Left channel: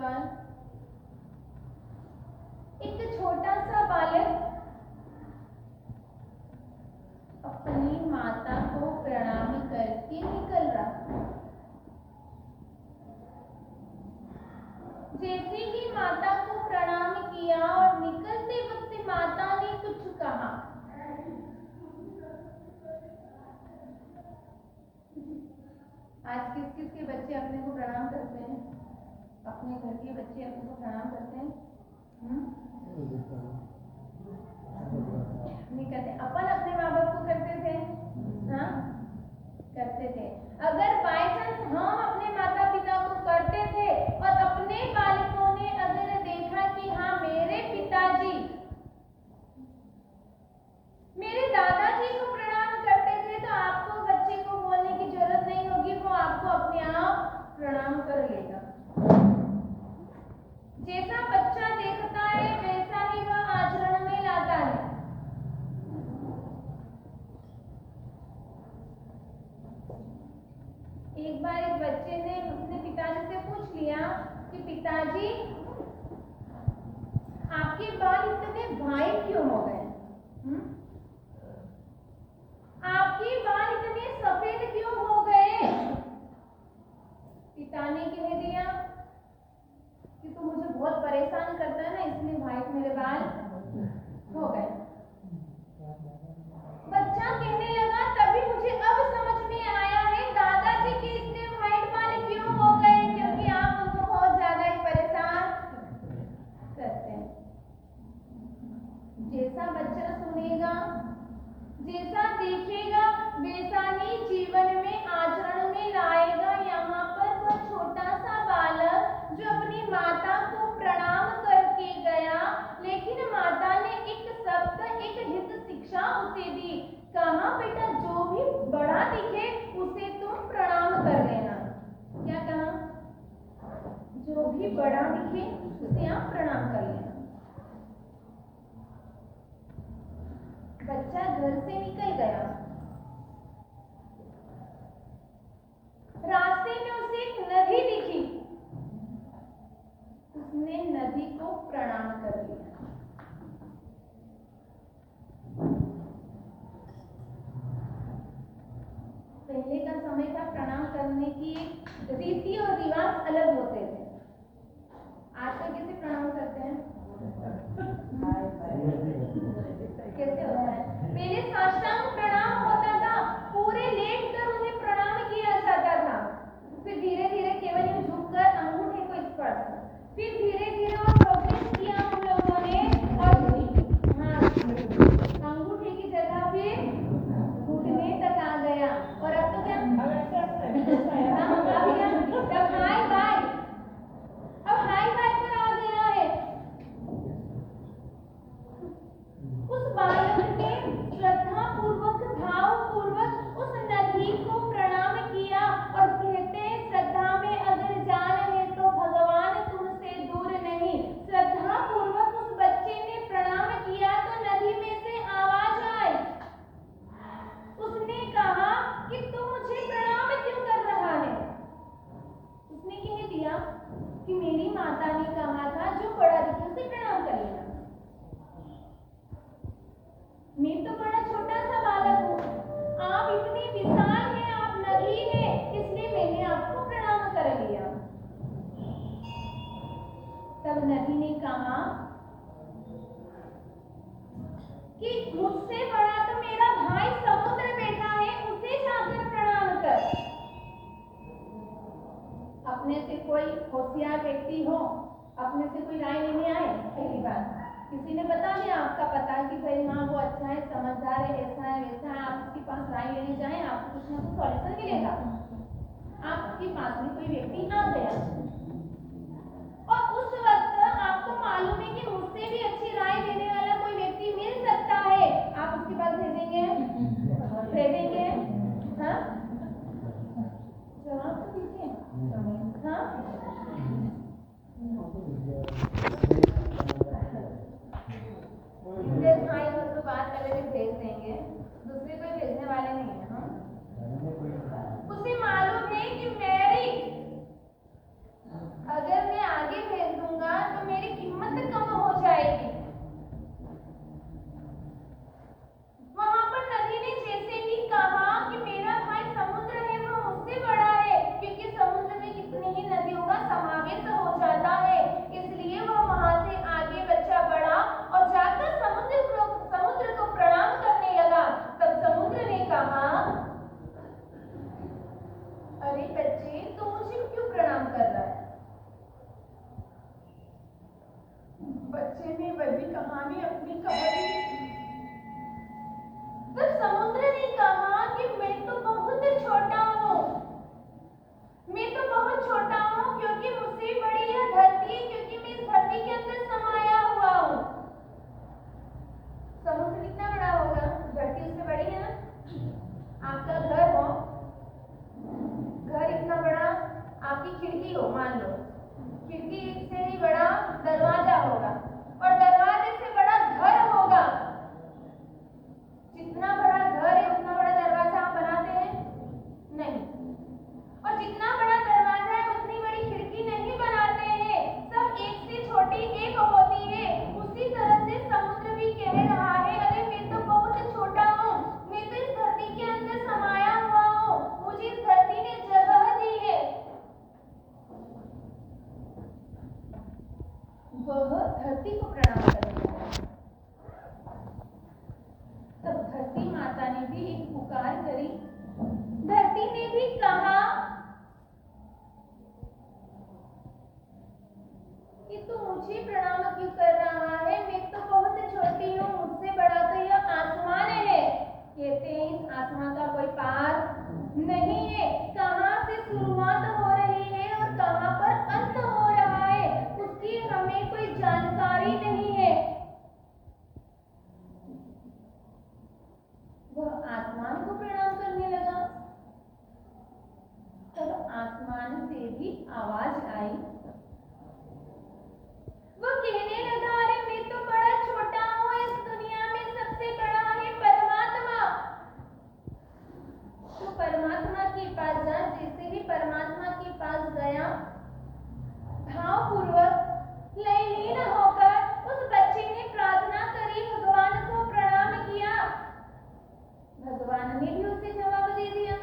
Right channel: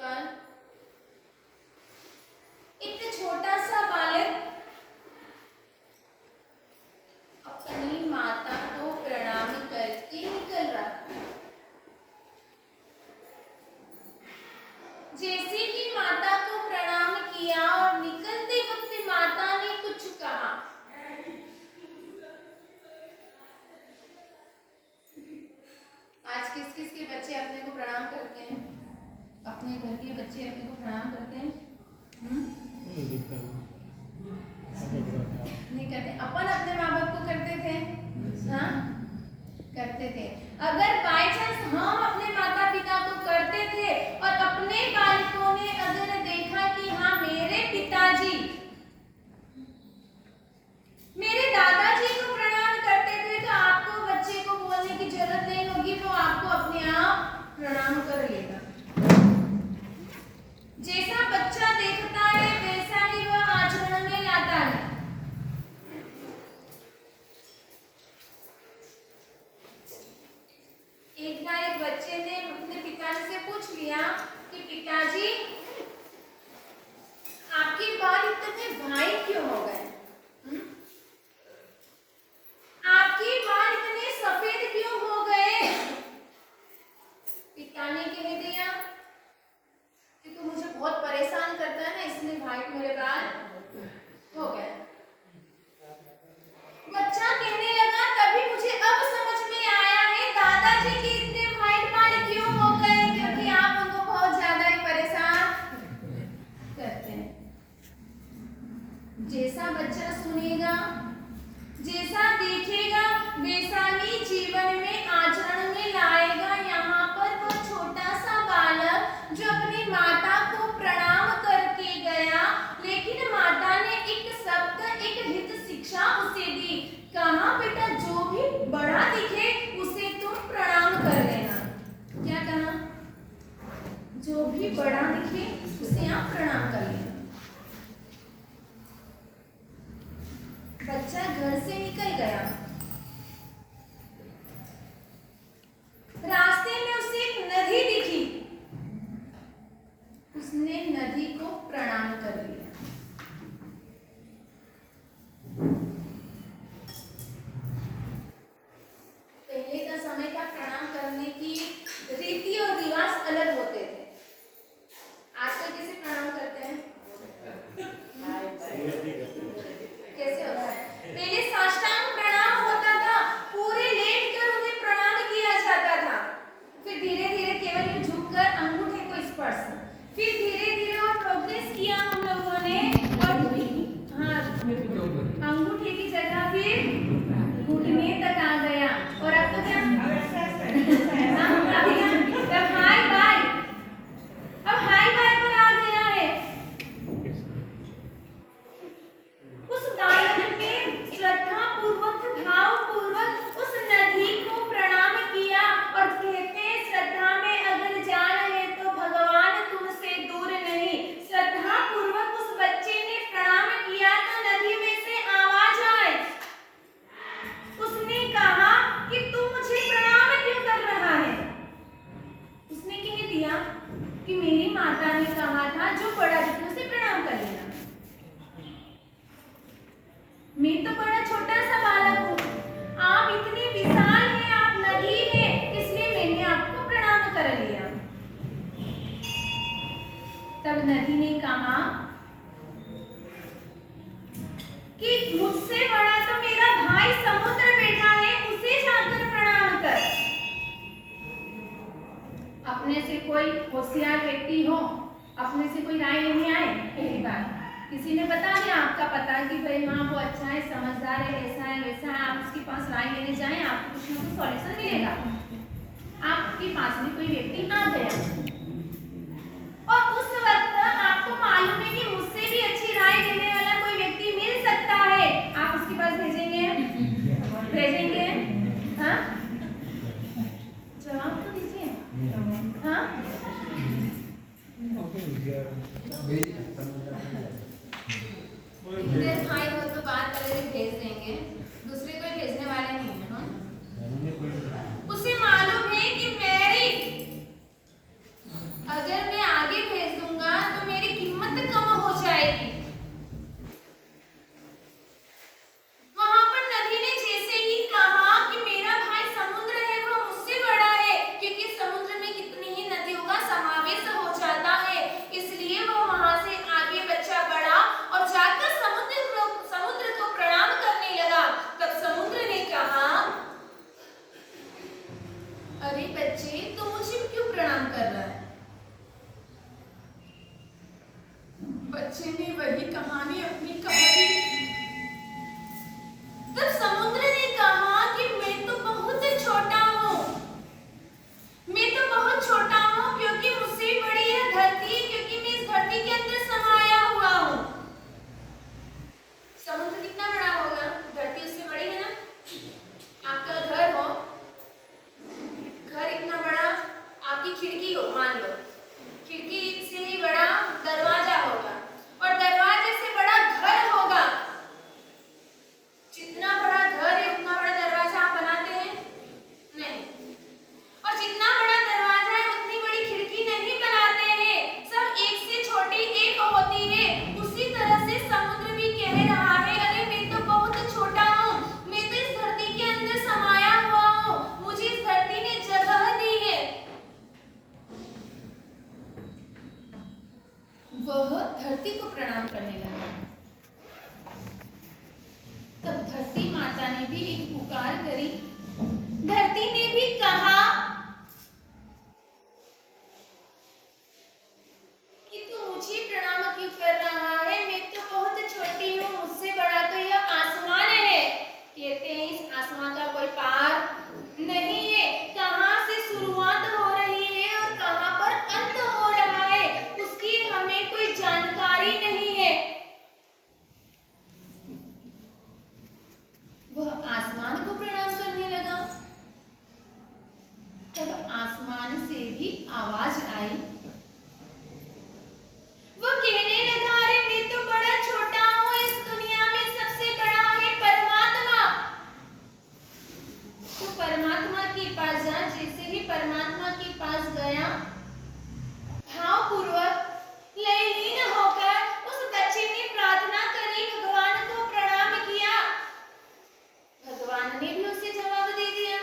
कौन? एक छोटा सा बालक अपनी माता को प्रणाम करके निकल रहा। जैसे ही माता को प्रणाम किया और निकलते वक्त माता ने कुछ कहा। आज किस किस के बच्चे अपने को प्रणाम करते हैं? अपने घर के बच्चे अपने को प्रणाम करते हैं? नहीं करते। अपन अपने माँ बाप को करते थे? हाँ, करते थे। अगर बाय चांस हम अपने माता पिता को करते थे और अपने बालकों ने अगर देखा कि हाँ मेरे पिताजी मेरे दादाजी को प्रणाम करते थे, तो आपको बच्चे को बोलने की जरूरत नहीं होगी, तो आपको अपने आप प्रणाम कर लेगा। जैसा बच्चा देखता है वैसा ही वह आचरण में लाता है। एक बार एक बच्चे ने अपने पिताजी से पूछ लिया कि पिताजी आपके बाल इतने व्हाइट क्यों हो गए? आपके बाल इतने सफेद क्यों हो गए? पिता ने कह दिया कि तू मुझे बहुत परेशान करता है ना, इसलिए व्हाइट मेरे बाल हो गए। बच्चा कहने लगा तभी मुझे अब समझ में आया है दादाजी के इतने व्हाइट बाल क्यों हो गए, क्योंकि आप उनको बहुत ज्यादा ही परेशान करते हैं। जैसा बच्चा सुनेगा, जैसा देखेगा, वैसा ही जीवन में आचरण में लाएगा। यहाँ पर वो छोटा सा बालक जो अपनी माता को प्रणाम करके गया, लेकिन माता ने एक शब्द, एक हित शिक्षा उसे दी। कहा बेटा जो भी बड़ा दिखे उसे तुम प्रणाम कर लेना। क्या कहा? जो भी बड़ा दिखे उसे आप प्रणाम कर लेना। बच्चा घर से निकल गया। रास्ते में उसे एक नदी दिखी, उसने नदी को प्रणाम कर लिया। पहले का समय का प्रणाम करने की रीति और रिवाज अलग होते थे। आजकल कैसे प्रणाम करते हैं? कैसे होता है? पहले साष्टांग प्रणाम होता था, पूरे लेट कर उन्हें प्रणाम किया जाता था। फिर धीरे धीरे केवल ये झुककर अंगूठे को स्पर्श, फिर धीरे धीरे और प्रोग्रेस किया हम लोगों ने, और हाँ अंगूठे की जगह फिर घुटने तक आ गया। और अब तो क्या अब हाय बाय, अब हाय बाय पर आ गया है। उस बालक ने श्रद्धा पूर्वक, भाव पूर्वक उस नदी को प्रणाम किया। और कहते हैं श्रद्धा में अगर जा रहे तो भगवान तुमसे दूर नहीं। श्रद्धा पूर्वक उस बच्चे ने प्रणाम किया तो नदी में से आवाज आई। उसने कहा कि तू मुझे प्रणाम क्यों कर रहा है? उसने कह दिया कि मेरी माता ने कहा था जो बड़ा दिखे उसे प्रणाम कर लेना। मैं तो बड़ा छोटा सा बालक हूँ, आप इतने विशाल हैं, आप नदी हैं, इसलिए मैंने आपको प्रणाम कर लिया। तब नदी ने कहा कि मुझसे बड़ा तो मेरा भाई समुद्र बैठा है, उसे जाकर प्रणाम कर। अपने से कोई होशियार व्यक्ति हो, अपने से कोई राय लेने आए, पहली बात किसी ने बता दिया, आपका पता कि भाई हाँ वो अच्छा है, समझदार है, ऐसा है वैसा है, आप उसके पास राय लेने जाएं, आपको कुछ ना कुछ सॉल्यूशन मिलेगा। आपके पास में कोई व्यक्ति आ गया और उस वक्त आपको मालूम है कि मुझसे भी अच्छी राय देने वाला कोई व्यक्ति मिल सकता है, आप उसके पास भेजेंगे? भेजेंगे? हाँ, जवाब तो दीजिए। हाँ, इधर भाई हो तो बात करेंगे, भेज देंगे, दूसरे कोई भेजने वाले नहीं है। हाँ, उसे मालूम है कि मेरी अरे बच्चे, तू मुझे क्यों प्रणाम कर रहा है? बच्चे ने वही कहानी अपनी कहा दी। तब समुद्र ने कहा कि मैं तो बहुत छोटा हूँ, मैं तो बहुत छोटा हूँ, क्योंकि मुझसे बड़ी है धरती, क्योंकि मैं इस धरती के अंदर समाया हुआ हूँ। समुद्र कितना बड़ा होगा? धरती उससे बड़ी है ना? आपका घर हो, घर इतना बड़ा, आपकी खिड़की हो, मान लो खिड़की से ही बड़ा दरवाजा होगा, और दरवाजे से बड़ा घर होगा। जितना बड़ा घर है उतना बड़ा दरवाजा आप बनाते हैं? नहीं। और जितना बड़ा दरवाजा है उतनी बड़ी खिड़की नहीं बनाते हैं, सब एक से छोटी एक होती है। उसी तरह से समुद्र भी कह रहा है, अरे मैं तो बहुत छोटा हूँ, मैं तो इस धरती के अंदर समाया हुआ हूँ, मुझे इस धरती ने जगह दी है। वह धरती को प्रणाम करने लगा। तब धरती माता ने भी एक पुकार करी। धरती ने भी कहा कि तू मुझे प्रणाम क्यों कर रहा है? मैं तो बहुत छोटी हूँ, मुझसे बड़ा तो यह आसमान है। कहते हैं इस आसमान का कोई पार नहीं है, कहाँ से शुरुआत हो रही है और कहाँ पर अंत हो रहा है उसकी हमें कोई जानकारी नहीं है। वह आसमान को प्रणाम करने लगा। तब आसमान से भी आवाज आई। वो कहने लगा, अरे मैं तो बड़ा छोटा हूँ, इस दुनिया में सबसे बड़ा है परमात्मा। तो परमात्मा के पास जा। जैसे ही परमात्मा के पास गया, भावपूर्वक लयलीन होकर उस बच्चे ने प्रार्थना करी, भगवान को प्रणाम किया। भगवान ने भी उसे जवाब दे दिया।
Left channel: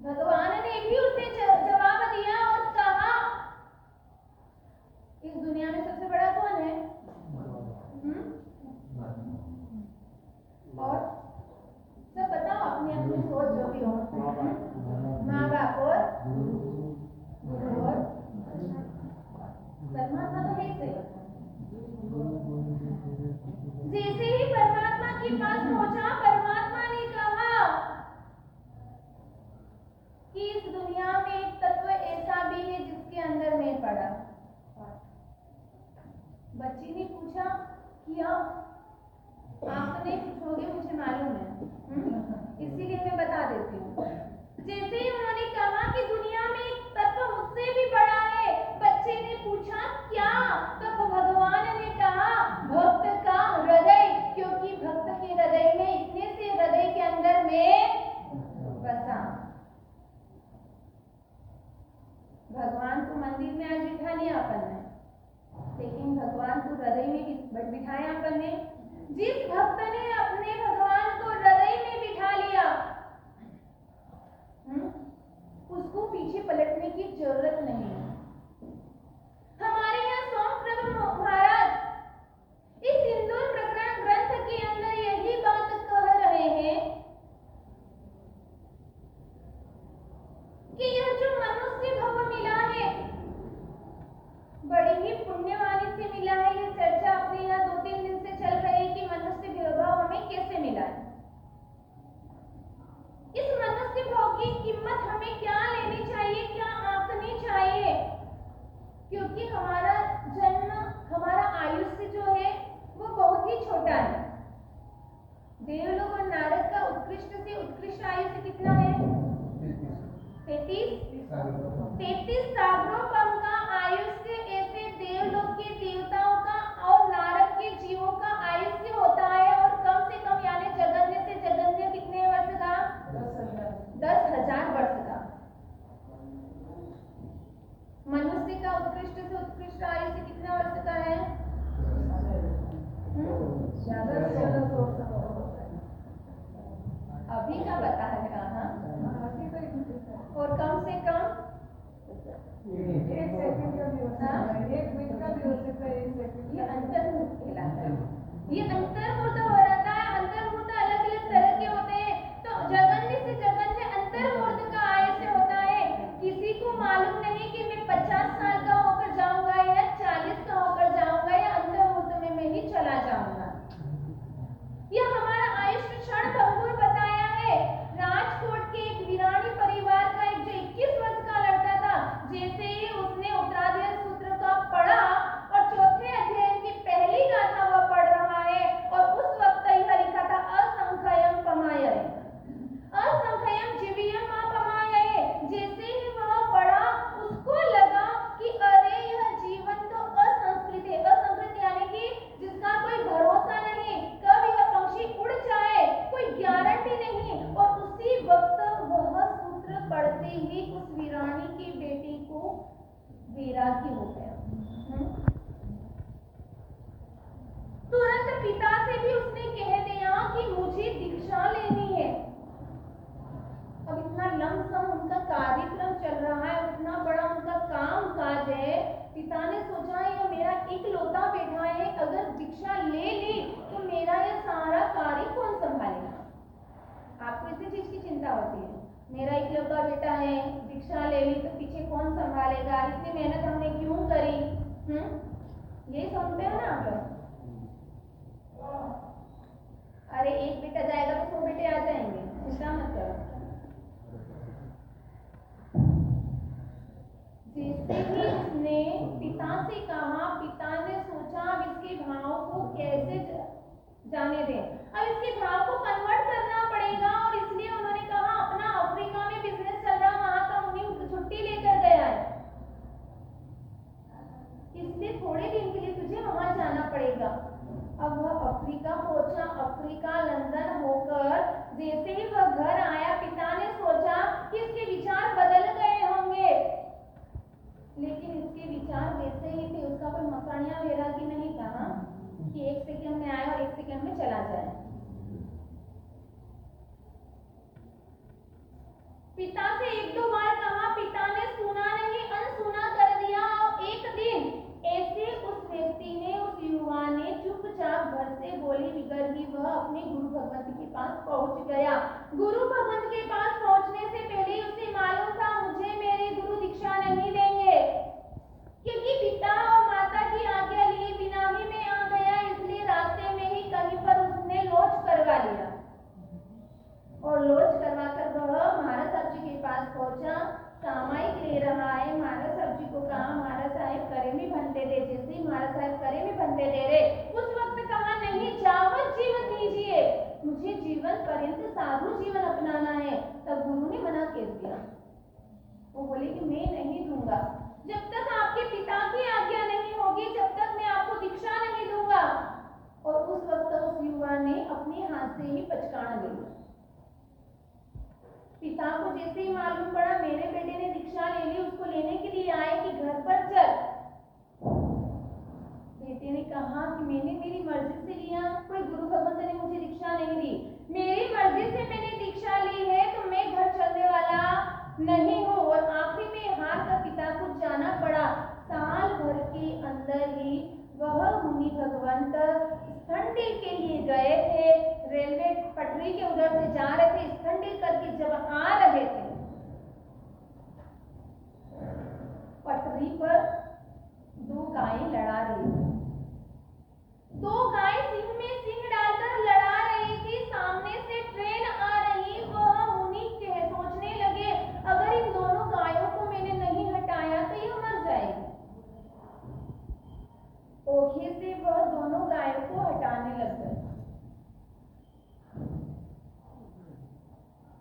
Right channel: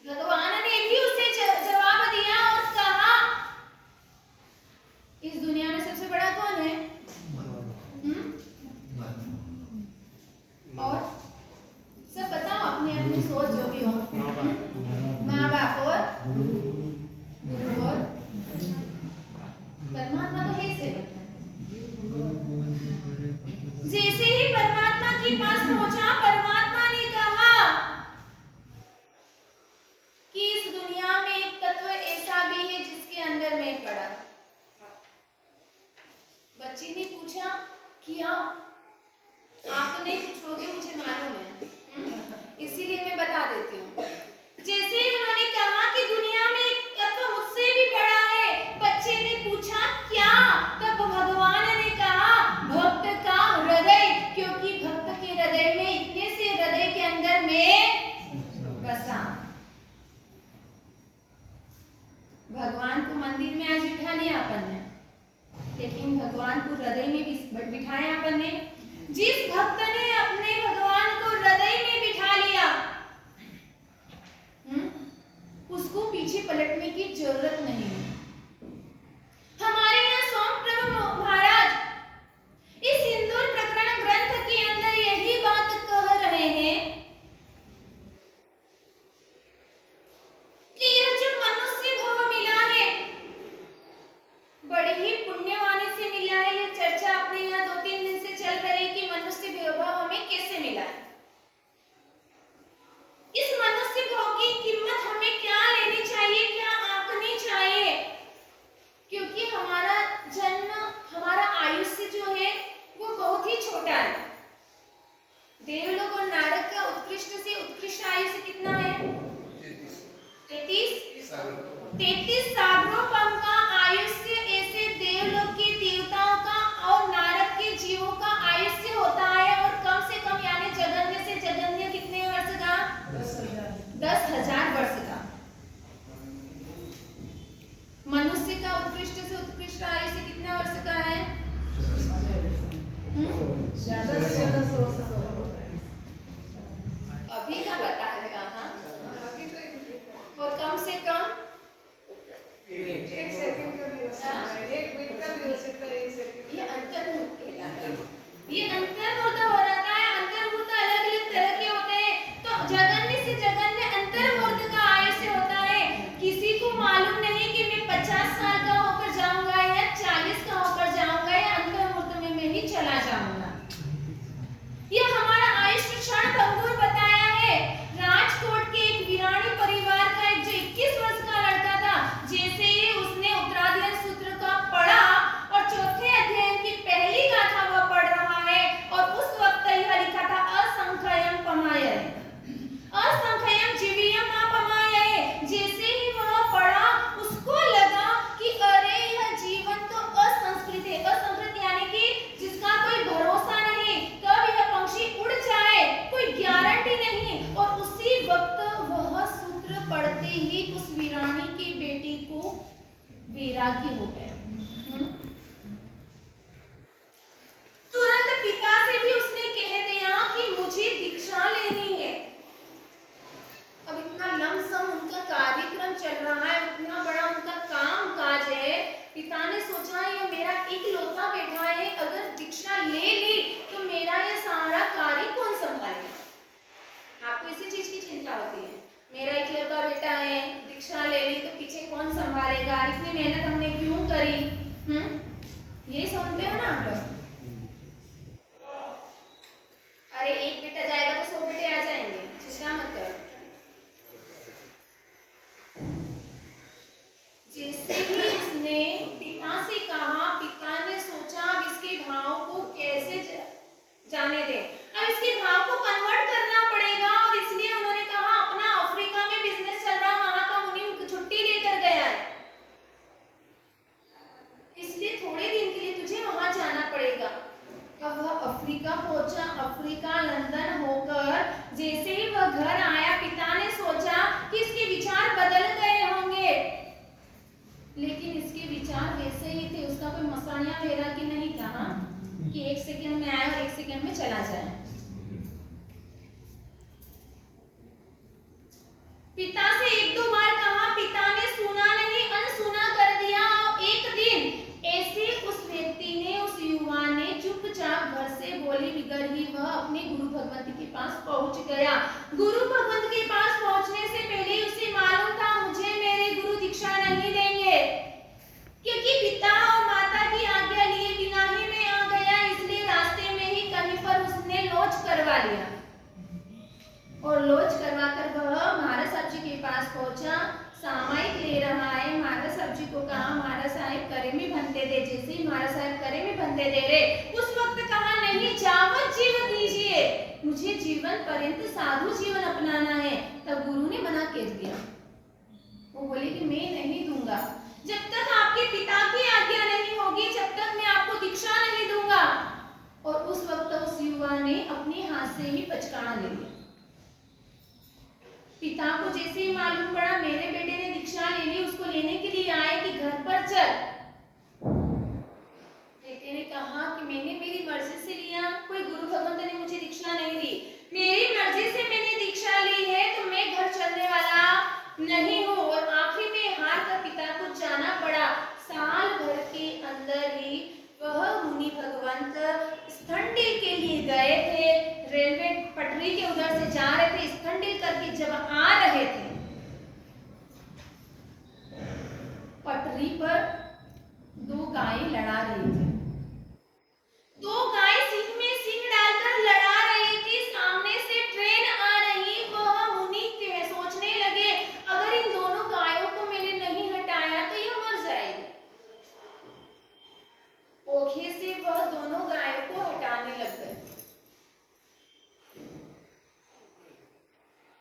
भगवान ने भी उसे जवाब दिया और कहा, इस दुनिया में सबसे बड़ा कौन है? और सब बताओ, अपनी अपनी सोच जो भी हो। माँ बाप और गुरु और परमात्मा तो है से। जैसे ही परमात्मा के पास पहुंचा, परमात्मा ने कहा कि इस दुनिया में एक तत्व ऐसा भी है जिसके अंदर मैं पड़ा। बच्ची ने पूछा, क्या? आप तो नहीं पूछोगे, मुझे मालूम है, इसीलिए मैं बता देती हूँ। जैसे ही उन्होंने कहा कि दुनिया में एक तत्व मुझसे भी बड़ा है, बच्चे ने पूछा क्या? तब भगवान ने कहा, भक्त का हृदय, क्योंकि भक्त के हृदय में, इतने से हृदय के अंदर मैं बसा। भगवान को मंदिर में आज बिठा लिया अपन ने, लेकिन भगवान को हृदय में भी बिठाया अपन ने। जिस भक्त ने अपने भगवान को हृदय में बिठा लिया, उसको पीछे पलटने की जरूरत नहीं है। हमारे यहाँ स्वामी प्रभु महाराज इस सिंदूर प्रकरण ग्रंथ के अंदर यही बात कह रहे हैं कि यह जो मनुष्य भव मिला है, बड़ी ही पुण्यवानी से मिला है। ये चर्चा अपने यहाँ 2-3 दिन से चल रही है कि मनुष्य भव हमें कैसे मिला है। इस मनुष्य भव की कीमत हमें क्या लेनी चाहिए, क्या आंकनी चाहिए? क्योंकि हमारा जन्म, हमारा आयुष्य जो है वो बहुत ही छोटा है। देवलोक और नारद का उत्कृष्ट से उत्कृष्ट आयुष्य कितना है? 33 सागरों का आयुष्य ऐसे देवलोक के देवताओं का और नारद के जीवों का आयुष्य होता है। और कम से कम यानी जगन्य से जगन्य कितने वर्ष का? 10,000 वर्ष का। मनुष्य का उत्कृष्ट से उत्कृष्ट आयुष्य कितने वर्ष का है? ज्यादा से ज्यादा 100 अभी का बता है कहाँ? और कम से कम 1 सेकंड का भी हो सकता है, 1 मिनट का भी हो सकता है, 1 सेकंड। ये अंतर्मुख कहलाता है। ये अंतर्मुख हो रहता है। अंतर्मुख अलग अलग तरह के होते हैं। तो जगन्य से से जगन्य अंतर्मूर्त का आयुष्य होता है। किसी को मालूम नहीं कि मैं 50 साल का होकर जाऊंगा या 40 का होकर जाऊंगा या अंतर्मूर्त में मैं ही चला जाऊंगा। यह हमारा आयुष्य क्षण भंगुर बताया है। राजकोट के एक वीरानी परिवार का एक जो 21 वर्ष का लड़का था, जैसे ही उसने उत्तराधिकार सूत्र का पढ़ा और चौथे अध्याय की पहली गाथा वह पढ़ रहा है और उस वक्त यह लिखा था असंख्यम पमायय, असंख्यम जीवियम अपमायय। जैसे ही वह पढ़ा उसको लगा कि अरे यह जीवन तो असंस्कृत है। असंस्कृत यानी कि जिसका कोई भरोसा नहीं, कब यह पंछी उड़ जाए कोई गारंटी नहीं। और उसी वक्त वह सूत्र पढ़ते ही उस वीरानी की बेटी को वैराग्य हो गया। तुरंत पिता से भी उसने कह दिया कि मुझे दीक्षा लेनी है। अब इतना लमसम उनका कार्यक्रम चल रहा है, इतना बड़ा उनका काम काज है। पिता ने सोचा ये मेरा इकलौता बेटा है, अगर दीक्षा ले ली तो मेरा ये सारा कार्य कौन संभालेगा। आपको इसी चीज की चिंता होती है, मेरा इकलौता बेटा है, दीक्षा ले ली तो पीछे कौन संभालेगा, इतनी मेहनत हमने क्यों करी। ये समझते हो ना आप लोग। अरे एक बेटा जाएगा तो 100 बेटे आ जाएंगे, चिंता मत करो। जैसे ही उसने पिता से कहा, पिता ने सोचा अब इसके भाव को कैसे जाने दें, अब इसके भाव को कन्वर्ट करना पड़ेगा। और इसलिए उन्होंने कहा अपना अफ्रीका में बिजनेस चल रहा, वहां का मुनि छुट्टी लेकर गया है, इसलिए थोड़े दिन के लिए तुझे वहां जाना पड़ेगा। अब वह अफ्रीका पहुंचा। अफ्रीका लंदन होकर जैसे ही वह घर आया, पिता ने सोचा कि इसके विचार बदल गए होंगे, लेकिन इसके विचार वैसे ही थे। उसका कोई मसानिया वैरागी नहीं था ना कि 1 सेकंड में आए और 1 सेकंड में चला जाए। पिता से 1-2 बार कहा, पिता ने सुना नहीं, अनसुना कर दिया। और एक दिन ऐसे उस व्यक्ति ने, उस युवा ने चुपचाप घर से बोली बिगड़ ही वह अपने गुरु भगवंत के पास पहुंच गया। गुरु भगवंत के पास पहुंचने से पहले उसे मालूम था मुझे मेरे गुरु दीक्षा नहीं देंगे, क्योंकि पिता और माता की आज्ञा लिए बिना ही मैं आ गया। इसलिए रास्ते में ही कहीं पर उसने लॉज करवा लिया और लॉज करवाकर वह महाराज साहब जी के पास पहुंचा। सामायिक ले रहा है, महाराज साहब जी को कहा महाराज साहब करे में बनते दे। जैसे ही महाराज साहब करे में बनते दे रहे, उस वक्त कहा नहीं जावत जीवन दीजिए, मुझे जीवन पर्यंत साधु जीवन अपनाना है। तब गुरु ने मना कर दिया, वो बोले कि मैं नहीं दूंगा, जब तक आपके पिता की आज्ञा नहीं होगी जब तक मैं आपको दीक्षा नहीं दूंगा। और उस वक्त उस युवा ने अपने हाथ से ही पचकाना ले लिया। पिता को जैसे ही मालूम पड़ा मेरे बेटे ने दीक्षा ले ली, उसको लेने के लिए आए कि घर पर चल। बेटे ने कहा कि मैंने मेरी मर्जी से लिया, कोई गुरु भगवंत ने मुझे दीक्षा नहीं दी, मेरी मर्जी से मैंने दीक्षा ली है तो मैं घर चलने वाला नहीं हूँ। और आखिर में हार कर पिता को जाना पड़ा। साल भर के अंदर ही वह मुनि भगवंत स्थंडिल के लिए गए थे, रेलवे पटरी के उधर से जा रहे थे, स्थंडिल करके जब आ रहे थे पटरी पर 2 गायें लड़ा रही थी। 2 गाय सिंह में सिंह डालकर लड़ा रही थी, सामने से ट्रेन आ रही। वह मुनि सोचने लगे अगर इन दोनों गायों को मैंने नहीं हटाया तो यह मर जाएगी। ओखे से वह दोनों गायों को हटाने लग गए।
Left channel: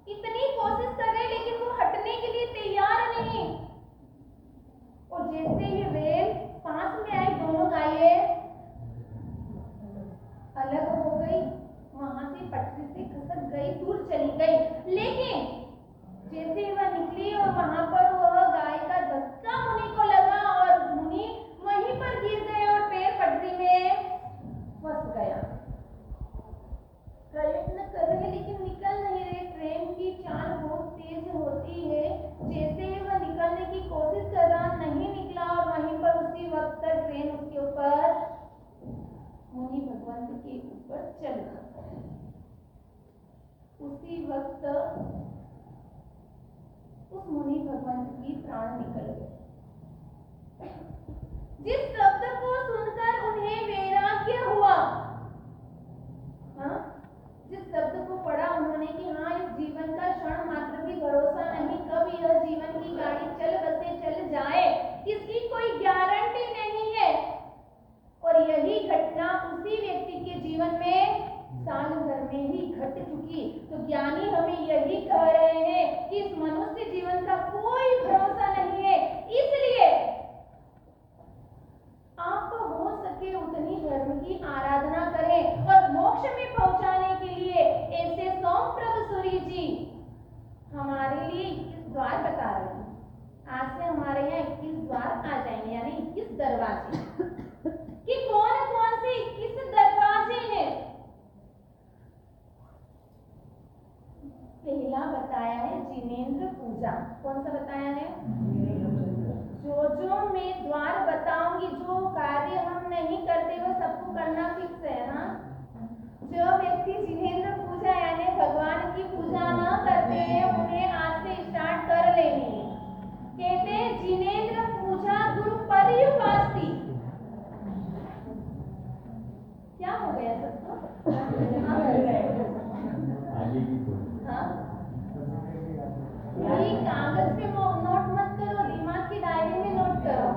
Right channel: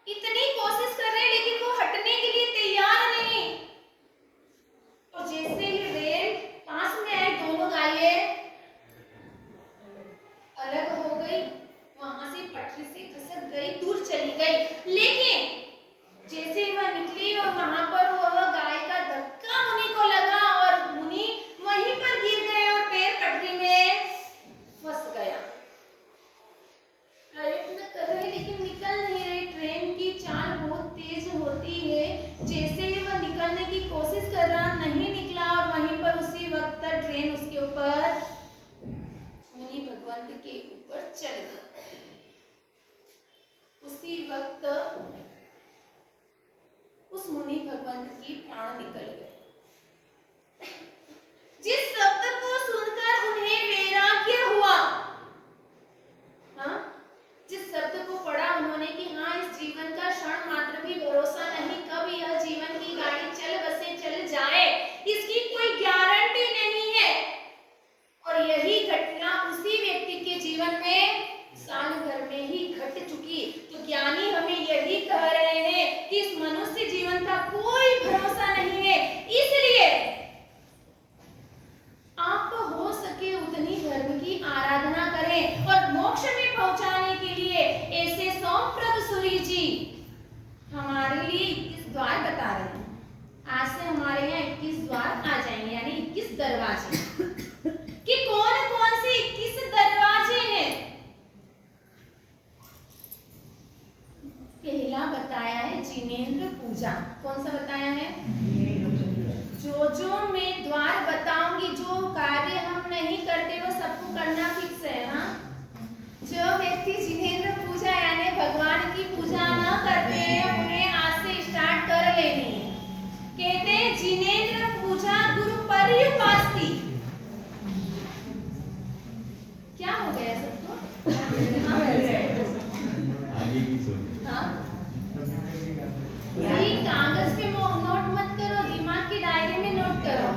इतनी कोशिश कर रहे लेकिन वो हटने के लिए तैयार नहीं। और जैसे ही रेल पास में आई, दोनों गायें अलग हो गई, वहां से पटरी से खसक गई, दूर चली गई। लेकिन जैसे ही वह निकली और वहां पर वह गाय का धक्का मुनि को लगा और मुनि वहीं पर गिर गए और पैर पटरी में फंस गया। प्रयत्न कर रहे लेकिन निकल नहीं रहे। ट्रेन की चाल बहुत तेज होती है, जैसे ही वह निकलने की कोशिश कर रहा नहीं निकला और वहीं पर उसी वक्त ट्रेन उसके ऊपर मुनि भगवंत के ऊपर चल गई। उसी वक्त मुनि भगवंत की प्राण निकल गए। जिस शब्द को सुनकर उन्हें वैराग्य हुआ, हाँ, जिस शब्द को पढ़ा उन्होंने कि हाँ, इस जीवन का क्षण मात्र भी भरोसा नहीं, कब यह जीवन की गाड़ी चल बसे चल जाए इसकी कोई गारंटी नहीं है। और यही घटना उसी व्यक्ति के जीवन में साल भर में ही घट चुकी। तो ज्ञानी हमें यही कह रहे हैं कि इस मनुष्य जीवन का कोई भरोसा नहीं है, इसलिए आप हो सके उतनी धर्म की आराधना करें। और मोक्ष में पहुंचाने के लिए ऐसे सोमप्रभ सूरी जी हमारे लिए 21 द्वार बता रहे हैं। आज से हमारे यहाँ 21 द्वार आ जाएंगे, यानी 21 दरवाजे। कि कौन कौन से 21 दरवाजे हैं? पहला बताया है जिनेंद्र पूजा। कौन सा बताया है? जो मैं द्वार बताऊंगी, जो कार्य हम नहीं करते वो सबको करना फिक्स है। हाँ, जो व्यक्ति जिनेंद्र पूजा यानी भगवान की पूजा न करते हैं उन्हें आज से स्टार्ट कर लेनी है। कहते हैं जिनेंद्र पूजा गुरु पर्युपास्ति। क्या हो गया सबको? आगे की सोच। हाँ, ये कागज पे नोट मत करो, दिमाग की डायरी में नोट करो।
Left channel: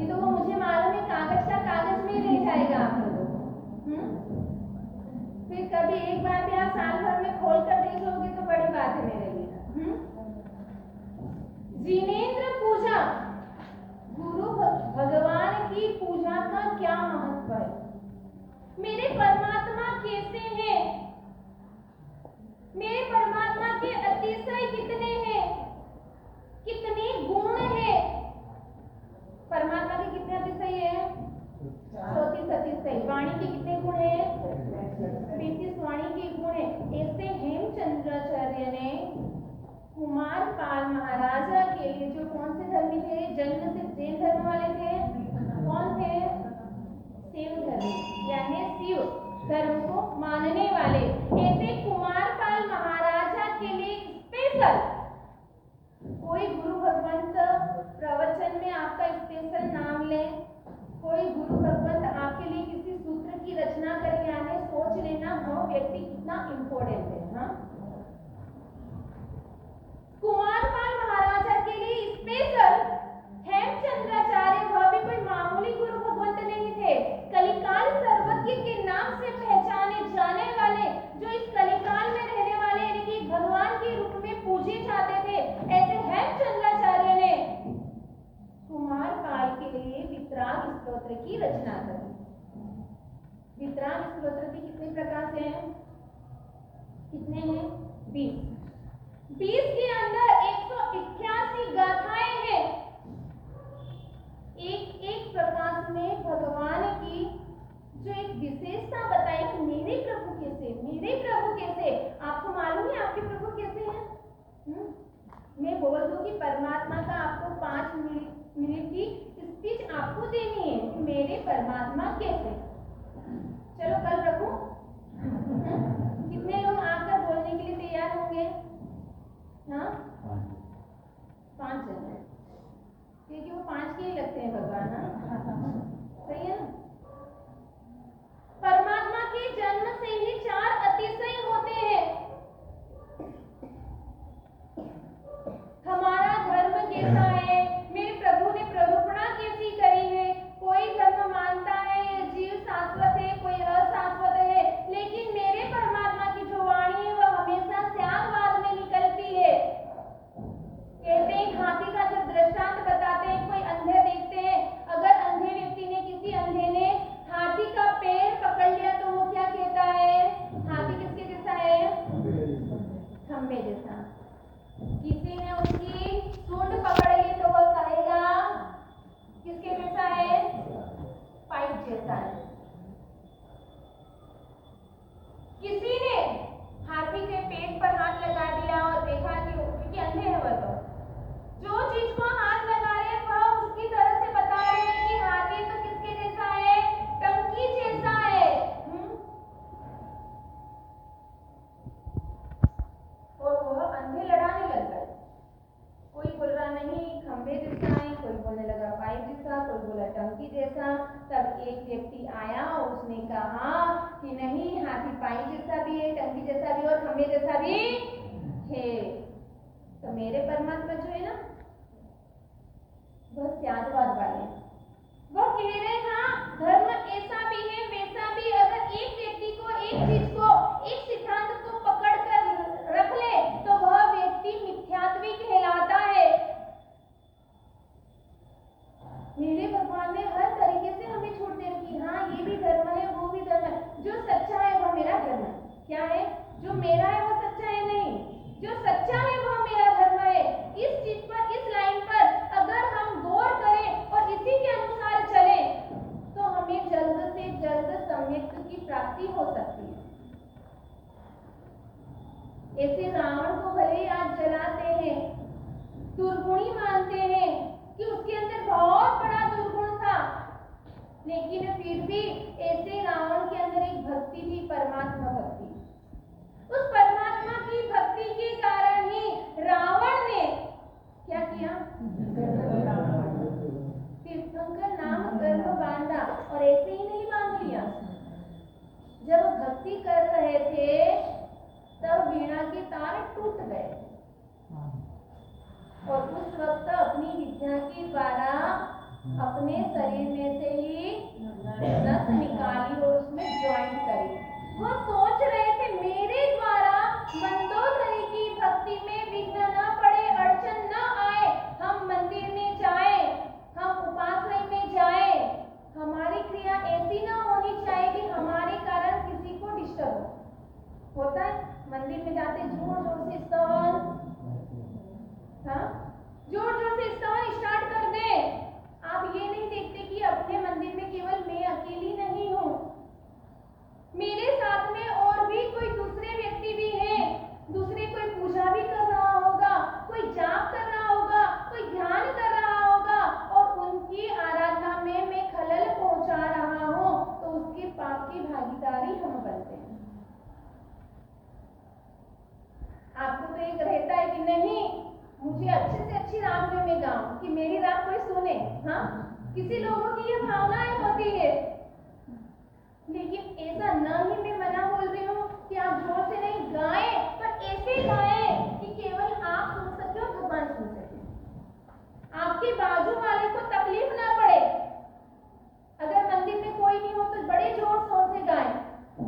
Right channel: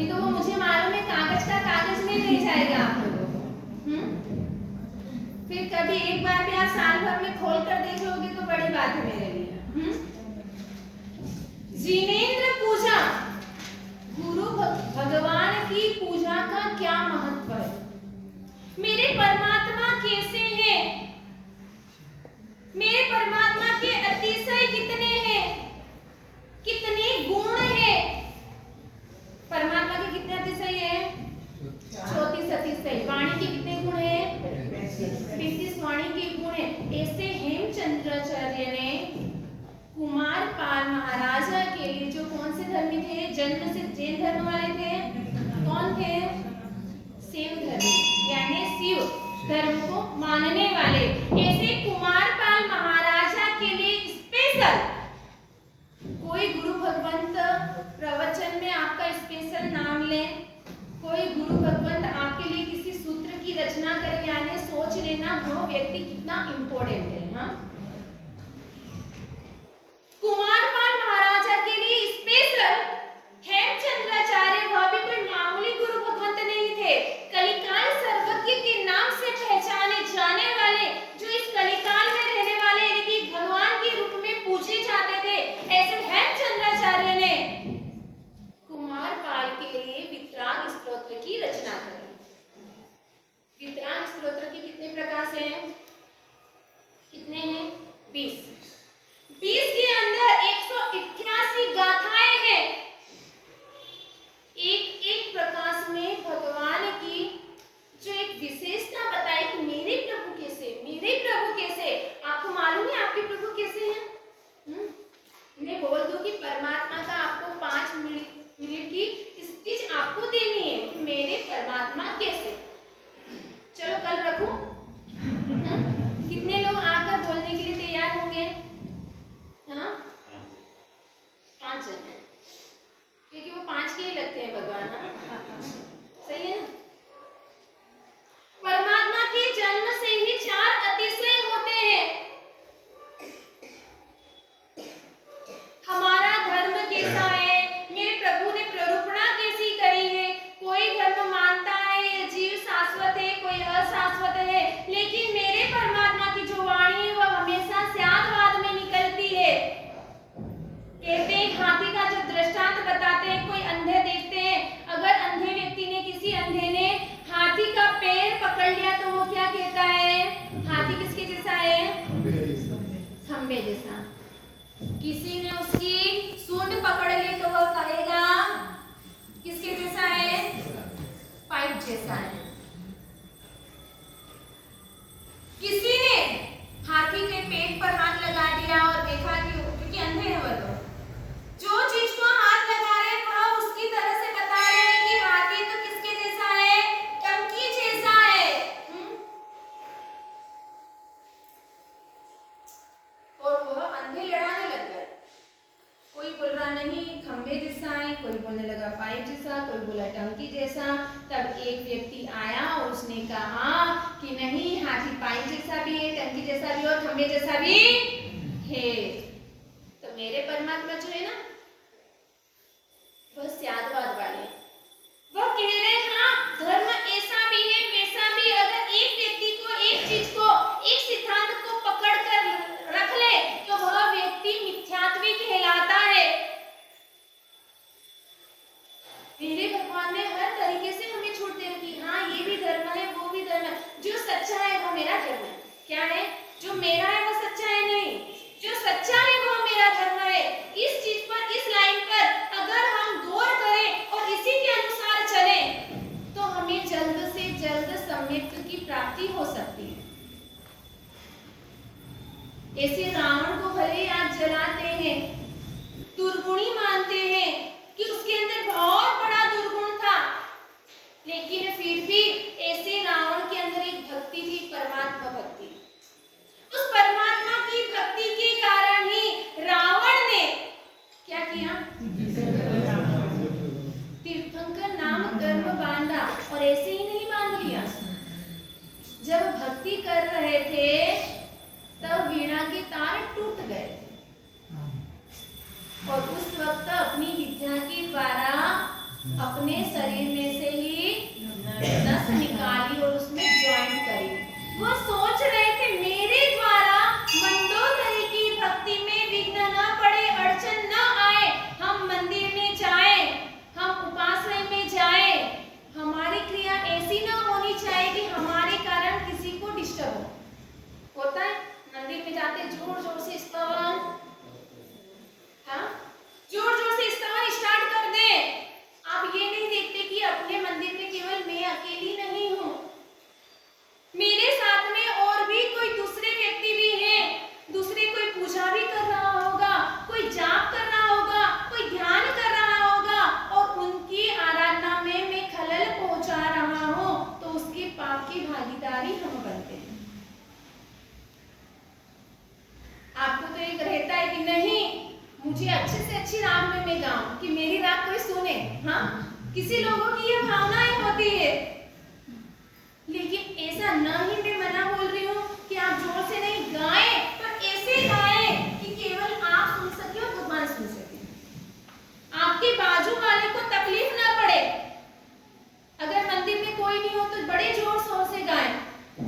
ये तो वो मुझे मालूम है कागज का कागज में ले जाएगा आप लोगों को। फिर कभी एक बार भी आप साल भर में खोल कर देख लोगे तो बड़ी बात है मेरे लिए। जिनेंद्र पूजा, गुरु भगवान की पूजा का क्या महत्व है? मेरे परमात्मा कैसे हैं? मेरे परमात्मा के अतिशय कितने हैं? कितने गुण हैं? परमात्मा के कितने अतिशय हैं? 34 अतिशय। वाणी के कितने गुण हैं? 35 वाणी के गुण हैं। ऐसे हेमचंद्राचार्य ने कुमार पाल महाराजा के लिए, जो कौन से धर्मी थे? जन्म से जैन धर्म वाले थे। कौन थे? शिव धर्मी, यानी शिव धर्म को मानने वाले। ऐसे कुमार पाल महाराजा के लिए स्पेशल कोई गुरु भगवंत प्रवचन में आपका स्पेशल नाम ले, कोई गुरु भगवंत आपके लिए किसी सूत्र की रचना करे, यानी सोच लेना वो व्यक्ति कितना इंपॉर्टेंट है। हाँ, कुमार पाल महाराजा के लिए स्पेशल हेमचंद्राचार्य, वह भी कोई मामूली गुरु भगवंत नहीं थे। कलिकाल सर्वज्ञ के नाम से पहचाने जाने वाले, जो इस कलिकाल में रहने वाले यानी कि भगवान के रूप में पूजे जाते थे, ऐसे हेमचंद्राचार्य ने कुमार पाल के लिए वितराग स्तोत्र की रचना करी। वितराग स्तोत्र के कितने प्रकार से हैं? कितने हैं? 20। 20 के अंदर 188 गाथाएं हैं। एक प्रकाश में भगवान की जो एक विशेषता बताई कि मेरे प्रभु कैसे। आपको मालूम है आपके प्रभु कैसे हैं? मैं बोल दूं कि परमात्मा का आपको 5 मिनट की स्पीच आपको देनी है, मेरे परमात्मा कैसे। चलो कल रखूं? कितने लोग आकर बोलने के लिए तैयार होंगे? हाँ, 5 जन हैं, क्योंकि वो 5 के ही लगते हैं भगवान। हाँ, सही है ना? परमात्मा के जन्म से ही 4 अतिशय होते हैं। हमारा धर्म कैसा है? मेरे प्रभु ने प्ररूपणा कैसी करी है? कोई धर्म मानता है ये जीव शाश्वत है, कोई अशाश्वत है, लेकिन मेरे परमात्मा की जो वाणी है वह हमेशा स्यादवाद में निकलती है। कहते हैं हाथी का जो व्यक्ति आया और उसने कहा कि नहीं, हाथी पाई जैसा भी है, टंकी जैसा भी और खंबे जैसा भी है। तो मेरे परमात्मा जो है ना, वह स्यादवाद वाले, वह कह रहे हैं हाँ, धर्म ऐसा भी है वैसा भी। अगर एक व्यक्ति को, एक चीज को, एक सिद्धांत को पकड़ कर रख ले तो वह व्यक्ति मिथ्यात्वी कहलाता है। मेरे भगवान ने हर तरीके से हमें छूट दे रखी, हाँ ये भी धर्म है, वो भी धर्म है। जो सच्चा है वो मेरा धर्म है। क्या है? जो मेरा है वो सच्चा है नहीं, जो सच्चा है वो मेरा धर्म है। इस चीज पर, इस लाइन पर अगर हम गौर करें और इसी के अनुसार चलें तो हमें जल्द से जल्द सम्यक की प्राप्ति हो सकती है। ऐसे रावण को भले ही आप जलाते हैं, दुर्गुणी मानते हैं कि उसके अंदर बहुत बड़ा दुर्गुण था, लेकिन फिर भी ऐसे रावण के अंदर एक भक्ति थी, परमात्मा भक्ति। उस परमात्मा की भक्ति के कारण ही रावण ने क्या किया? तीर्थंकर नाम गर्भ बांधा। और ऐसे ही नहीं बांध लिया, जब भक्ति कर रहे थे तब वीणा के तार टूट गए और उस वक्त अपनी विद्या के द्वारा अपने शरीर में से ही नस निकाली और उसमें ज्वाइन करी। वो सोच रहे थे मेरे द्वारा मंदोदरी की भक्ति में विघ्न न पड़े, अड़चन न आए, हम मंदिर में जाएं, हम उपासना में जाएं, हमारी क्रिया ऐसी न होनी चाहिए कि हमारे कारण किसी को डिस्टर्ब हो। होता है मंदिर में जाते जोर जोर से स्तवन, हाँ जोर जोर से स्तवन स्टार्ट कर दे। आप ये नहीं देखते कि अपने मंदिर में केवल मैं अकेली नहीं हूँ, मेरे साथ में और भी कोई दूसरे व्यक्ति भी हैं। दूसरे कोई पूजा भी कर रहा होगा, कोई जाप कर रहा होगा, कोई ध्यान कर रहा होगा और उनकी आराधना में मैं खलल पहुंचा रहा हूँ तो उसके पाप की भागीदारी हम बनते हैं। आपको तो एक रहता है कि नहीं, मुझे अच्छे से अच्छी राग में मैं गाऊं कि मेरी राग कोई सुने। हाँ, किसी लोगों की ये भावनाएं होती है, लेकिन ऐसा न ही मैं मना बोल रही हूँ कि आप जोर से नहीं गाएं, पर ऐसे गाएं कि केवल आप सुन सके और भगवान सुन सके, आपके बाजू वाले को तकलीफ ना पड़े। अगर मंदिर में कोई नहीं हो तो बड़े जोर शोर से गाएं,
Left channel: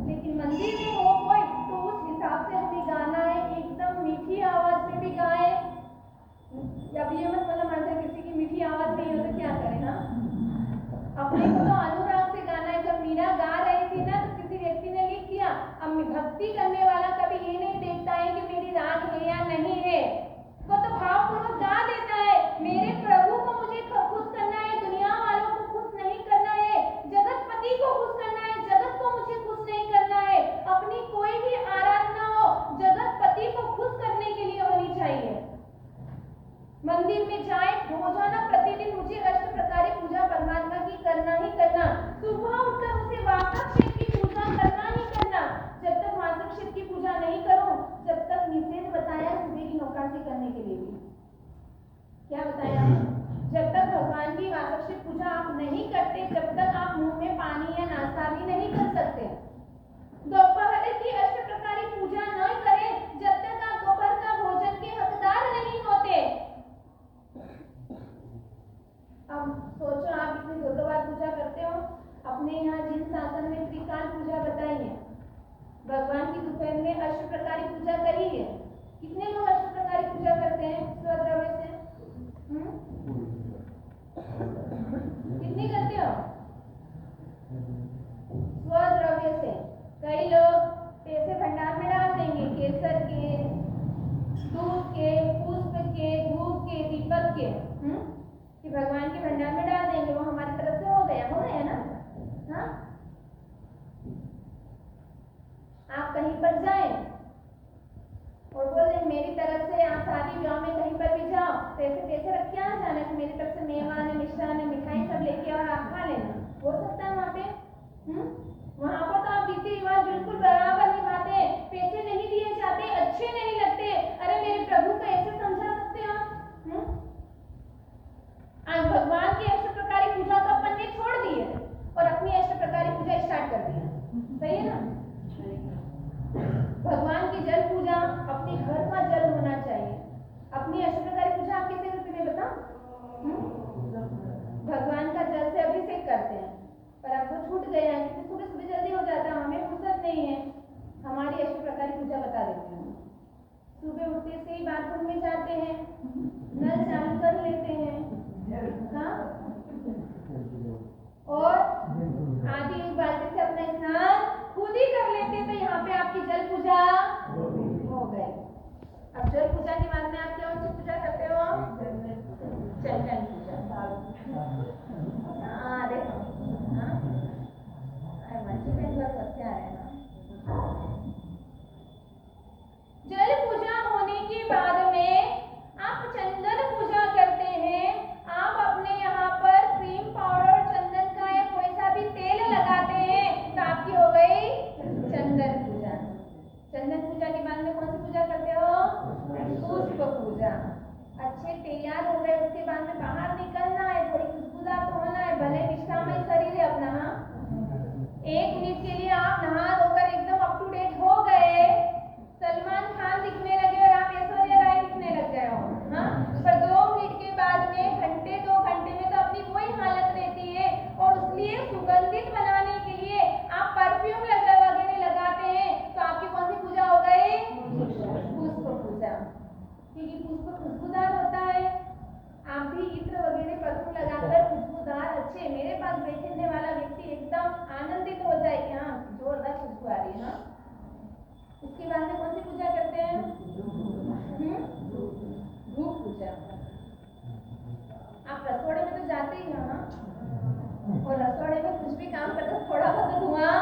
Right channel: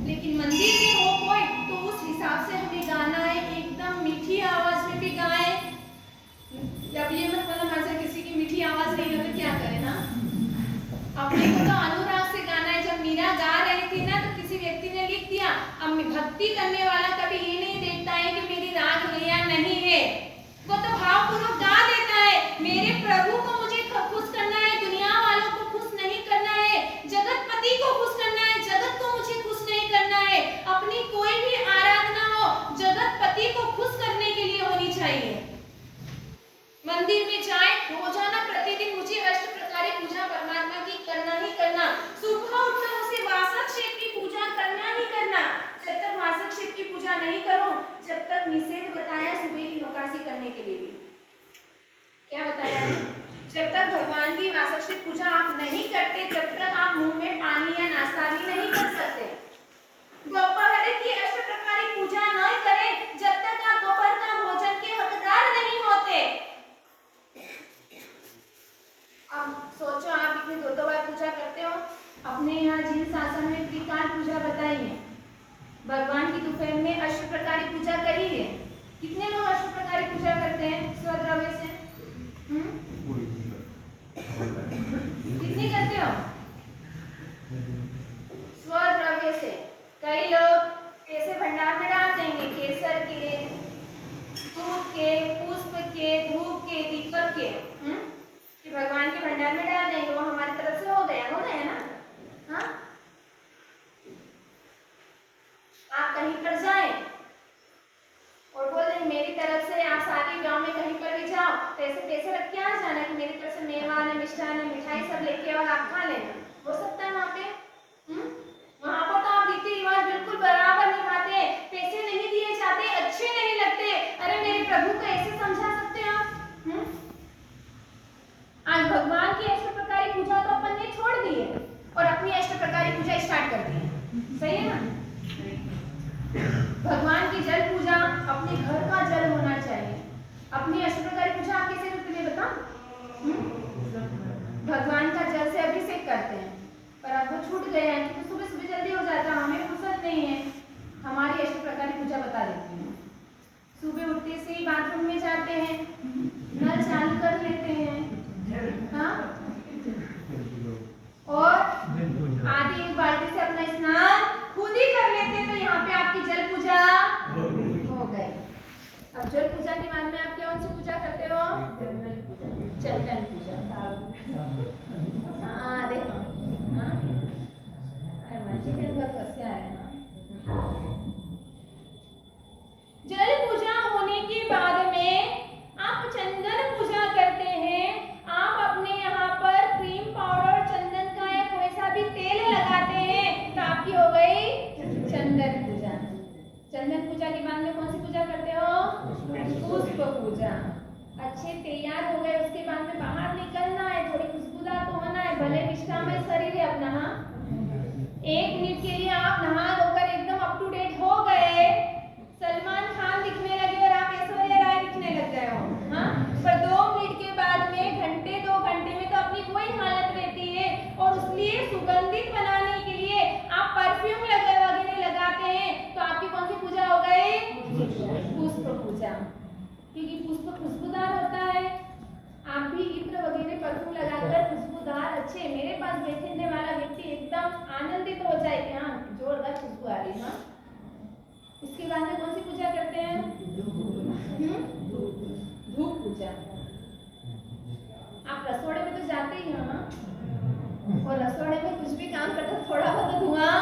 लेकिन मंदिर में हो कोई तो उस हिसाब से हमें गाना है, एकदम मीठी आवाज में भी गाएं। अब ये मत बोलो हमारे से किसी की मीठी आवाज नहीं है तो क्या करें। हाँ, अपने को तो अनुराग से गाना है। जब मीरा गा रही थी ना तो किसी व्यक्ति ने लिख दिया, अब भक्ति करने वाला कभी ये नहीं देखता है कि मेरी राग है या नहीं है, वो तो भावपूर्वक गा देता है, मेरे प्रभु को मुझे खुश करना है, दुनिया वालों को खुश नहीं करना है, जगतपति को खुश करना है, जगत को मुझे खुश नहीं करना है। अपनी कोई भी आराधना हो जगतपति को खुश करने के लिए होनी चाहिए। मंदिर में जाए, रोजाना प्रतिदिन मुझे अष्ट प्रकार पूजा परमात्मा की करना ही करना। सुबह उठकर उसे वासक क्षेत्र की पूजा करना ही करना। जब तक वासक क्षेत्र की पूजा नहीं करो, जब तक निषेध बताया सुबह की नौकासी करने के लिए भी। क्या बताया है? जब तक भगवान की वासक क्षेत्र पूजा आप नहीं करते, जब तक आप मुंह में पानी या नाश्ता भी नहीं कर सकते। दोपहर की अष्ट प्रकार पूजा न करें जब तक आप दोपहर का भोजन के हकदार नहीं होते। अब सोचो, आप इतने दो बार पूजा करते हो। अपने यहाँ जिन शासन में त्रिकाल पूजा बताई है, भगवान की दोपहर में अष्ट प्रकार पूजा करी है। कितने लोग अष्ट प्रकार पूजा करते हैं स्वद्रव्य से? कितनी करते हो स्वद्रव्य से? कई लोग पैसे भंडार में डाल देंगे, केसर के, दूध के, पुष्प के, धूप के, दीपक के, कि भगवान के भंडार में डाल देंगे, वो हमारी तरफ से हो गया ना। हाँ, आप कहीं पर जाएं और बोल दें मेरी तरफ से, आप सारी गांव में कहीं पर भी जाओ तो ऐसे पैसे रख के आ जाना कि मेरी तरफ से मेवा ने, मिष्ठान ने, मिठाई सब लेके और आप खा लेना। हो सकता है वहाँ पे? वहाँ पर तो आप रीति रिवाज बिल्कुल बराबर निभाते, पैसे नहीं दिए जाते, अच्छे नहीं लगते। अरे मेरे प्रभु को ऐसे समझा सकते हो आप? आज भगवान की अष्ट प्रकार पूजा तो अपन ने छोड़ दी है और अपनी अष्ट प्रकार सही है ना? भगवान की जल पूजा अपने घर का जल होना चाहिए। अपनी अष्टप्रकार पूजा आप कैसे करते हैं बताओ? भगवान का जल से अभिषेक करते हैं, पर अब वो छूट गया है क्योंकि सुबह सुबह जल्दी हो जाता है, हमें फुर्सत नहीं है। हमारी अष्टप्रकार पूजा बता देती हूँ। सुबह उठते से ही बाथरूम में जाते हैं, नल चालू कर लेते हैं, हाँ, और आधी एक बाल्टी से अपना स्नान खुद ही कर लेते हैं, तो यहाँ पे आपकी जल पूजा हो गई। अब जल पूजा के बाद में आप कौन सी पूजा करते हो? चंदन पूजा। हाँ देखो, हाँ जल पूजा होने के बाद में आप चंदन पूजा करते हैं। आप अपने यहाँ पर क्रीम पाउडर चंदन का या कोई सा भी तेल लगाते हैं, तो आपकी हो गई चंदन पूजा। चंदन पूजा के बाद में कौन सी पूजा करते हो? पुष्प पूजा। अच्छे तैयार हो गए, उसके बाद में बाहर निकलना है, थोड़ी खुशबूदार तो होना है, भले निष्ठामय शरीर है अपना। हाँ, 1 मिनट के लिए आप नहा धोकर एकदम अप टू डेट हो गए, सलमान खान दिखने लगे और आप ऐश्वर्या राय दिखने लग गए हो, हाँ, पर 2 मिनट के बाद में घंटे 2 घंटे में तो अपनी कोई हालत रहती है, और इसलिए सुगंधित बनाने के लिए आप परफ्यूम वगैरह लगाते हैं, तो आपकी कौन सी पूजा हो गई? पुष्प पूजा, क्योंकि पुष्प खुशबूदार होता है। आप भी इत्र वगैरह परफ्यूम लगाकर खुशबूदार अच्छे, मेरे पास बैठने वाला व्यक्ति एकदम आनंदित हो जाए कि हाँ जोरदार खुशबू आ रही। हाँ, उसके बाद में कौन सी पूजा करते हैं? धूप पूजा। आप रसोड़े में तो जाते ही हो ना, और रसोड़े में कुछ भी काम करते थोड़ा बहुत धुआं,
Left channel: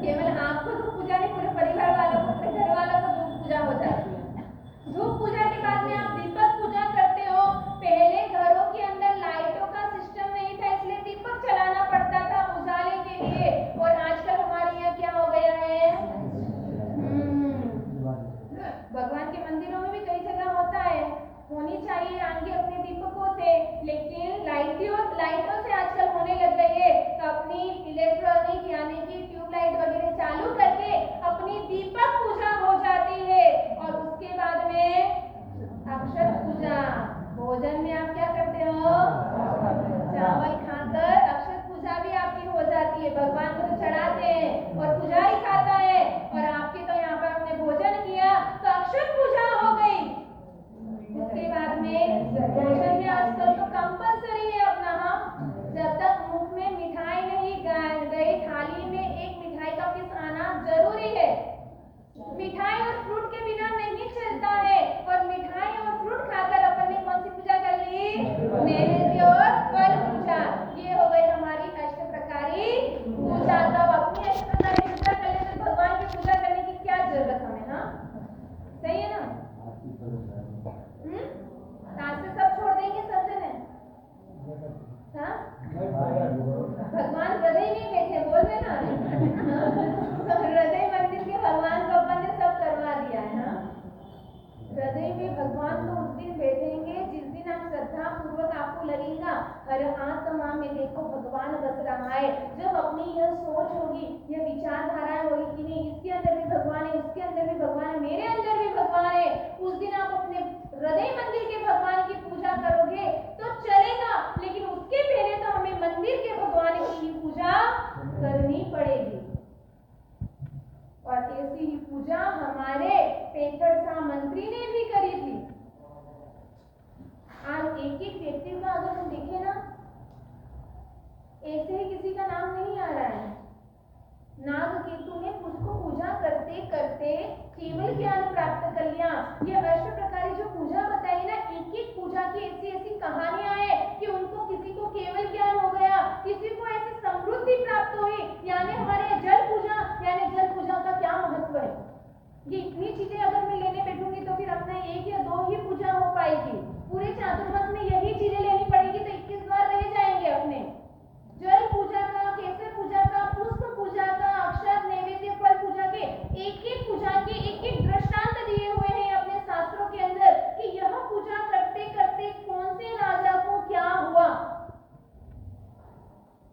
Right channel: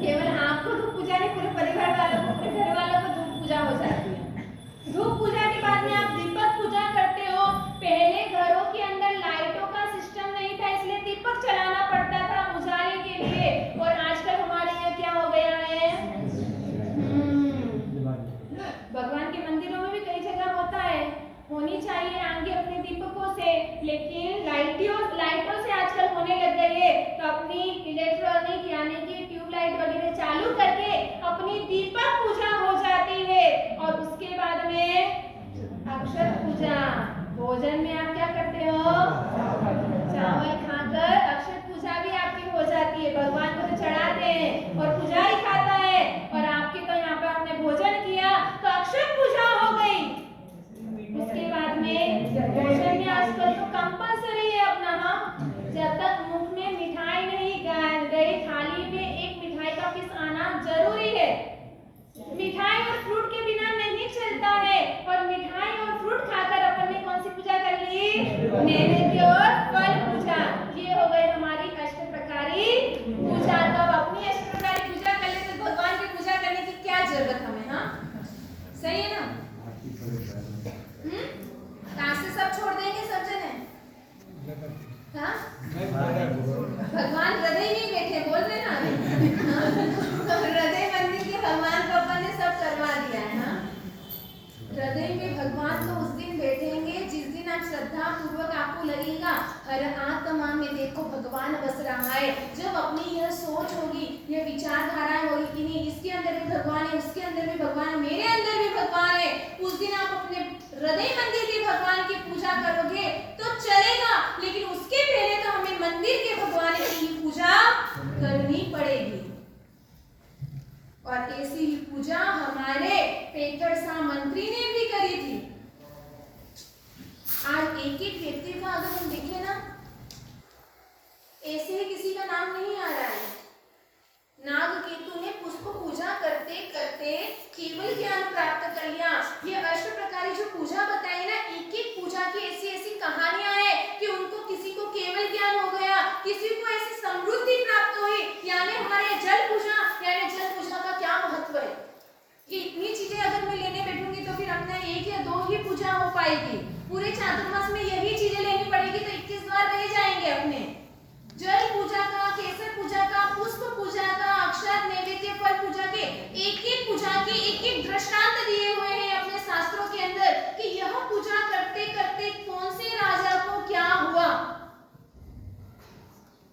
केवल आपको धूप पूजा नहीं, पूरे परिवार वालों को, पूरे घर वालों को धूप पूजा हो जाती है। धूप पूजा के बाद में आप दीपक पूजा करते हो। पहले घरों के अंदर लाइटों का सिस्टम नहीं था, इसलिए दीपक चलाना पड़ता था उजाले के लिए, और आजकल हमारे यहाँ क्या हो गया है? भगवान के मंदिरों में भी कई जगह होता है, होनी चाहिए आगे अपने दीपकों से, लेकिन लाइटों से आजकल होने लग गई है, तो अपनी इलेक्ट्रॉनिक यानी कि ट्यूबलाइट वगैरह चालू करके अपनी दीपक पूजा हो जाती है। और उसके बाद में अक्षत पूजा। भोजन में आप क्या करते हो? चावल खाकर अक्षत पूजा भी आपकी हो जाती है। भगवान को तो चढ़ाते हैं और पुजारी खाता है, और आपके तो यहाँ पे आपने भोजन किया तो अक्षत पूजा हो गई। उसके बाद में भोजन में आजकल तो कंपल्सरी है अपना, हाँ, जब तक मुख में मिठाई नहीं गई, थाली में एक मिठाई का पीस आना जरूरी है। मिठाई और फ्रूट के बिना नहीं चलता है, और मिठाई और फ्रूट खाकर अपन ने कौन सी पूजा कर ली? नैवेद्य और फल पूजा। ये हो गई हमारी अष्टप्रकारी पूजा। तो अब अपनी अष्टप्रकारी पूजा कर ले तो भगवान की पूजा करने की क्या जरूरत हमें? हाँ, सही है ना? आज से सब छोड़ देंगे सब जने? हाँ? भगवान हृदय में बैठे, बोल रहे ना, हृदय मंदिर के भगवान को अपन ने सब करवा दिया है। हाँ, हृदय में भगवान तो उस दिन बैठेंगे जिस दिन आप श्रद्धा पूर्वक आपको लगेगा हर आत्मा में देखो भगवान बस रहा है। जब अपनी यह सोच होगी, यह विचारधारा होगी कि नहीं इसके अंदर भी भगवान है, उसके अंदर भी भगवान है, मेरे अंदर भी भगवान है, उस दिन आप अपने हृदय मंदिर के भगवान की पूजा करोगे तो चलेगा, लेकिन उसके पहले तो हमें मंदिर के भगवान की पूजा करनी पड़ेगी। और ऐसी ही पूजा हमारे पेटरसा मंत्री ने भी करी थी। आज एक एक व्यक्ति का अगर हम देखें ना, ऐसे ही किसी का नाम नहीं आ रहा है। नागकेतु ने पुष्प पूजा करते करते केवल ज्ञान प्राप्त कर लिया। ये अष्टप्रकारी जो पूजा बताई ना, एक एक पूजा की ऐसी ऐसी कहानियां हैं कि उनको किसी को केवल ज्ञान हो गया, किसी को ऐसी समृद्धि प्राप्त हुई। यानी हमारे जल पूजा का क्या महत्व है? ये इतनी चीजें अगर मैं लेने बैठूंगी तो फिर अपना 1 या 2 ही पूजा हो पाएगी। पूरे चातुर्मास में यही चीजें लेनी पड़ेगी तो 21 बार रह जाएंगे अपने। जल पूजा का, केसर पूजा का, पुष्प पूजा का, अक्षत नैवेद्य फल पूजा के एक पूजा के एक दृष्टांत दिए हुए हैं अपने शास्त्रों के अंदर कि यह पूजा करते करते कौन से राजा को क्या हुआ।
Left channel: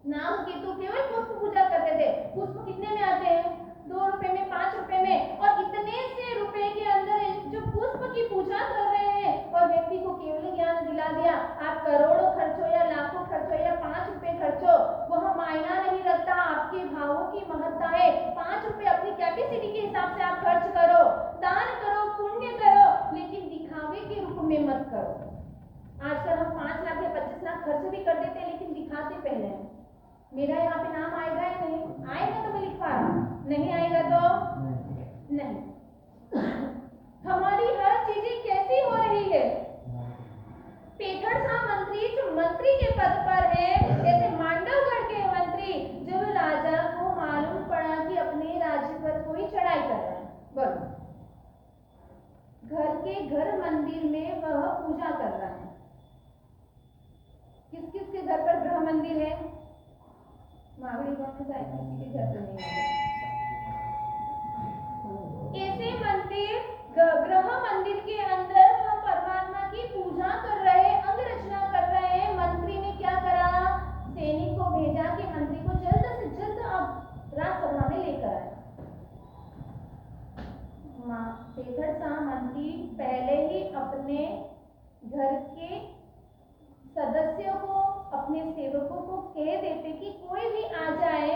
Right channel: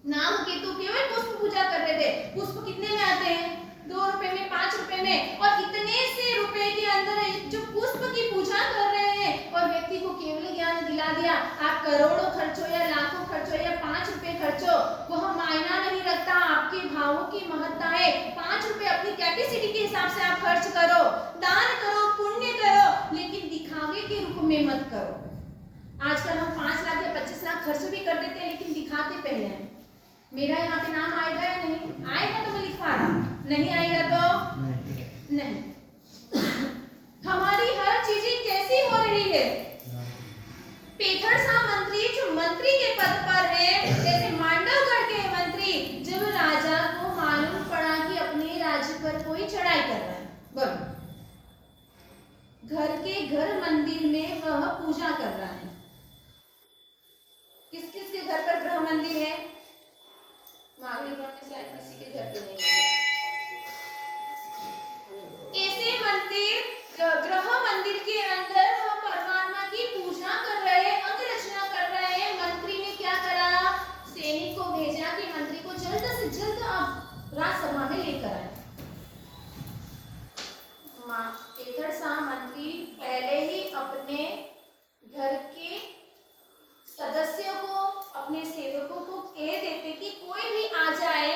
नागकेतु केवल पुष्प पूजा कर रहे थे। पुष्प कितने में खर्च करो, दान करो, पुण्य करो, लेकिन दिखावे के रूप में मत करो। आजकल हम 5 लाख या 25 लाख खर्च भी कर देते हैं, लेकिन दिखाते पहले हैं। मेरा यहाँ पे नाम आएगा या नहीं आएगा तो मैं लिखवा रहा हूँ, नहीं आएगा तो नहीं। हमारी हर चीजें कैसी हो रही है। पेठर शाह मंत्री जो मंत्री के पद पर है, जैसे मांडवगढ़ के मंत्री, जब राजा को मालूम पड़ा कि अपने राज्य पर कोई चढ़ाई कर रहा है, बोलो, घर के घर मंदिर में वह पूजा कर रहा है। किस किस के घर पर गृह मंदिर है? माघलीगढ़ में शायद किसी के घर पे नहीं है। ऐसे मंदिर, गृह मंदिर के अंदर वह परमात्मा की पूजा कर रहे हैं, अंग रचना कर रहे हैं। मंत्री ने क्या करा? सैनिक को भेजा कि मंत्री को जल्द से जल्द आप राज्यसभा में लेकर आए। पेठर शाह मंत्री पहले ही अपने घर के सदस्यों को, अपने सेवकों को कह देते कि कोई भी आ जाए,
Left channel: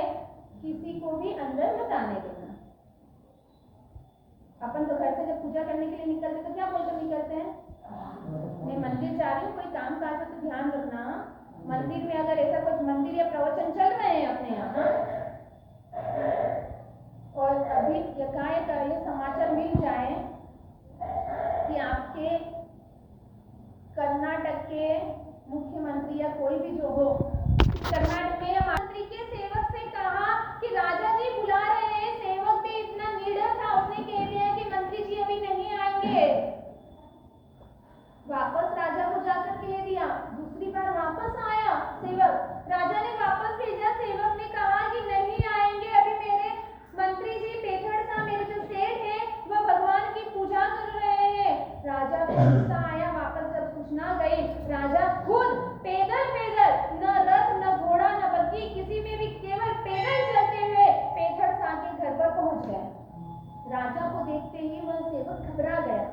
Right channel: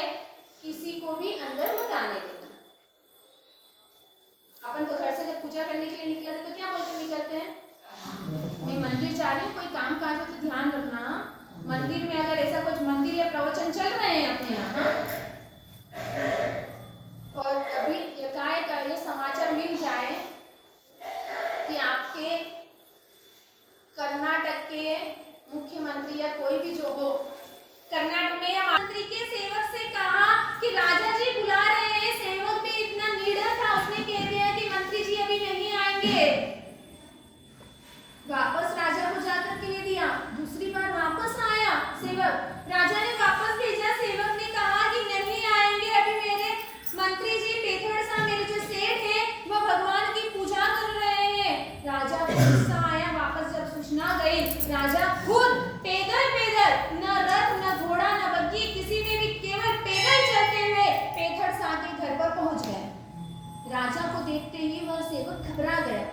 किसी को भी अंदर मत आने देना। अपन तो घर से जब पूजा करने के लिए निकलते तो क्या बोलकर निकलते हैं? मैं मंदिर जा रही हूँ, कोई काम काज हो तो ध्यान रखना। मंदिर में अगर ऐसा कुछ मंदिर या प्रवचन चल रहे हैं अपने यहाँ, और अभी एकाएक ये समाचार मिल जाए कि आपके कर्नाटक के मुख्यमंत्री या कोई भी जो हो, कर्नाटक में या मंत्री के सेवक से कहा कि राजा जी बुला रहे हैं, सेवक भी इतना निडर था, उसने कह दिया कि मंत्री जी अभी नहीं आएंगे। वापस राजा को जाकर कह दिया, दूसरी बार वापस आया सेवक, राजा ने वापस भेजा, सेवक ने कहा कि नहीं आएंगे, अभी मेरे मंत्री जी पेठर शाह, मेरे जो सेठ है, वो भगवान की पूजा कर रहे हैं। राजा को गुस्सा आया, वापस जब सूचना गई, राजा खुद पैदल न रथ न घोड़ा न बग्घी किसी में भी, केवल पैदल चलते हुए पेठर शाह के घर पर पहुंच गए। राजा को देखते ही वह सेवक घबरा गया।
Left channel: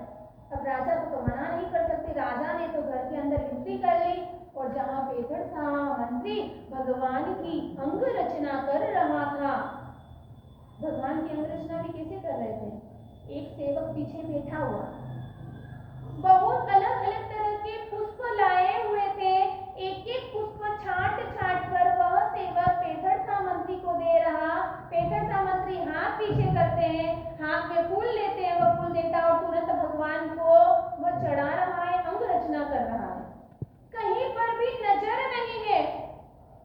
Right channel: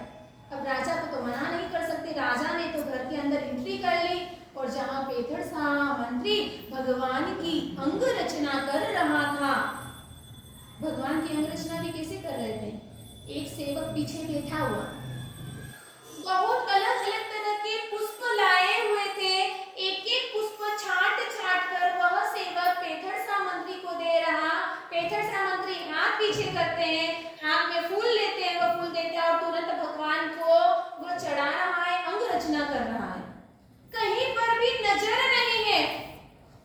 अब राजा को तो मना नहीं कर सकते, राजा ने तो घर के अंदर एंट्री कर ली, और जहां पेठर शाह मंत्री भगवान की अंग रचना कर रहा था, भगवान की अंग रचना भी कैसे कर रहे थे? एक सेवक पीछे बैठा हुआ, बहुत अलग अलग तरह के पुष्प लाए हुए थे, एक एक पुष्प छाट छाट कर वह सेवक पेठर शाह मंत्री को दे रहा। पेठर शाह मंत्री हाथ पीछे करते हैं, हाथ में फूल लेते हैं, वह फूल देता और तुरंत भगवान को वह चढ़ा रहा है, अंग रचना कर रहा है। कहीं पर भी नजर नहीं है,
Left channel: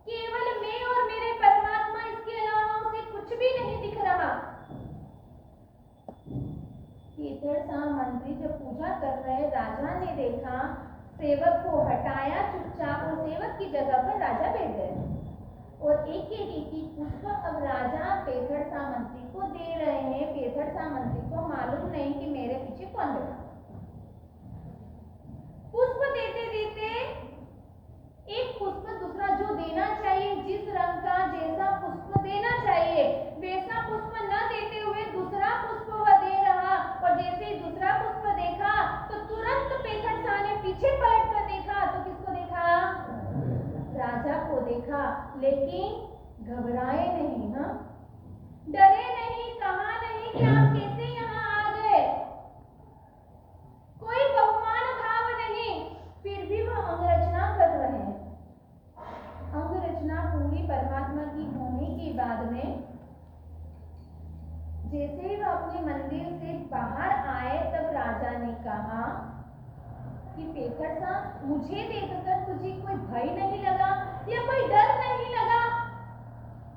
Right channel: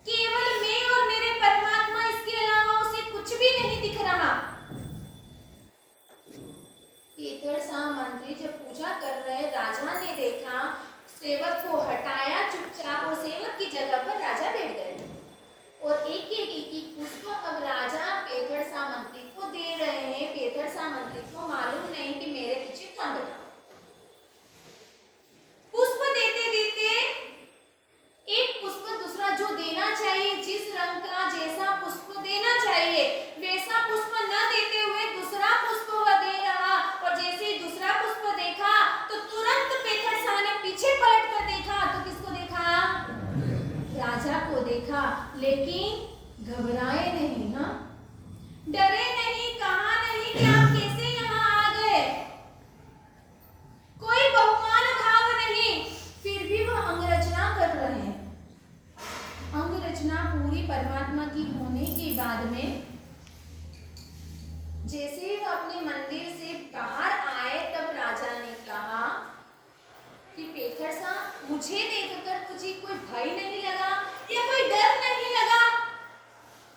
केवल मैं और मेरे परमात्मा, इसके अलावा उसे कुछ भी नहीं दिख रहा। पेठर शाह मंत्री जब पूजा कर रहे, राजा ने देखा, सेवक को हटाया चुपचाप, और सेवक की जगह पर राजा बैठ गए, और एक एक पुष्प अब राजा पेठर शाह मंत्री को दे रहे हैं। पेठर शाह मंत्री को मालूम नहीं कि मेरे पीछे कौन बैठा। पुष्प देते देते एक पुष्प दूसरा जो देना चाहिए, जिस रंग का जैसा पुष्प देना चाहिए वैसा पुष्प न देते हुए दूसरा पुष्प वह दे रहा, और जैसे ही दूसरा पुष्प देखा तो तुरंत पेठर शाह ने पीछे पलट कर देखा, तो किसको देखा? राजा को देखा, लेकिन घबराए नहीं, हाँ, डरे नहीं, कहा नहीं कि आप कैसे यहाँ आ गए, कोई बहुमान भाव नहीं, फिर भी वह अंग रचना कर रहे हैं। अंग रचना पूरी परमात्मा की होने के बाद में जैसे वह अपने मंदिर से बाहर आए, तब राजा ने कहा कि पेठर शाह, मुझे देखकर तुझे कोई भय नहीं लगा या कोई डर नहीं लगा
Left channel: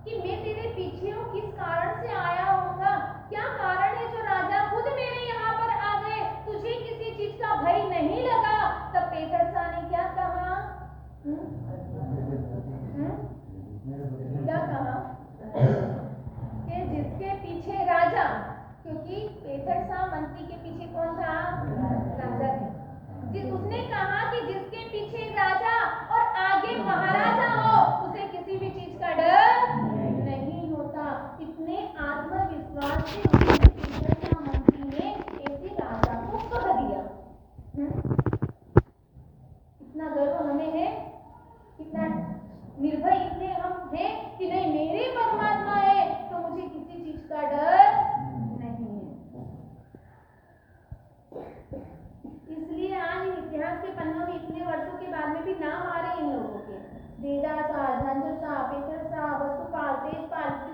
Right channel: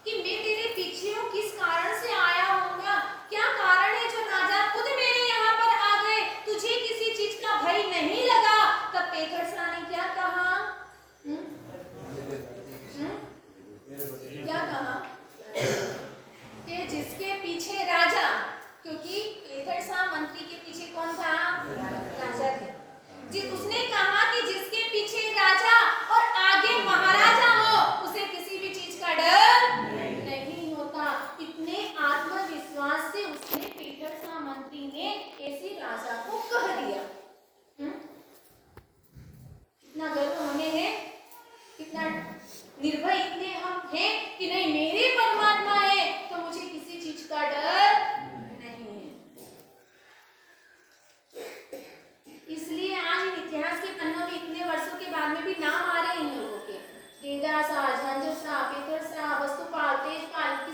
कि मैं तेरे पीछे हूँ? किस कारण से आया होगा? क्या कारण है जो राजा खुद मेरे यहाँ पर आ गए? तुझे किसी चीज का भय नहीं लगा? तब पेठर शाह ने क्या कहा? क्या कहा? कि जिसके पीछे राजा, क्योंकि पेठर शाह मंत्री के पीछे कौन था? राजा थे। उसने कहा कि जिसके पीछे राजा और आगे महाराजा हो, उसे किसी भी चीज का डर नहीं होता। इतने आत्मविश्वास से उसने पेठर शाह मंत्री ने ऐसे राजा को कह दिया। इतना गर्व हमें है, कितना निर्भय इतने हम हैं कि नहीं, मेरे परमात्मा है तो मुझे किसी चीज का डर नहीं है। टेंगा सा, झंझर सा, पेकर सा, वस्तु पाल, तेज पाल,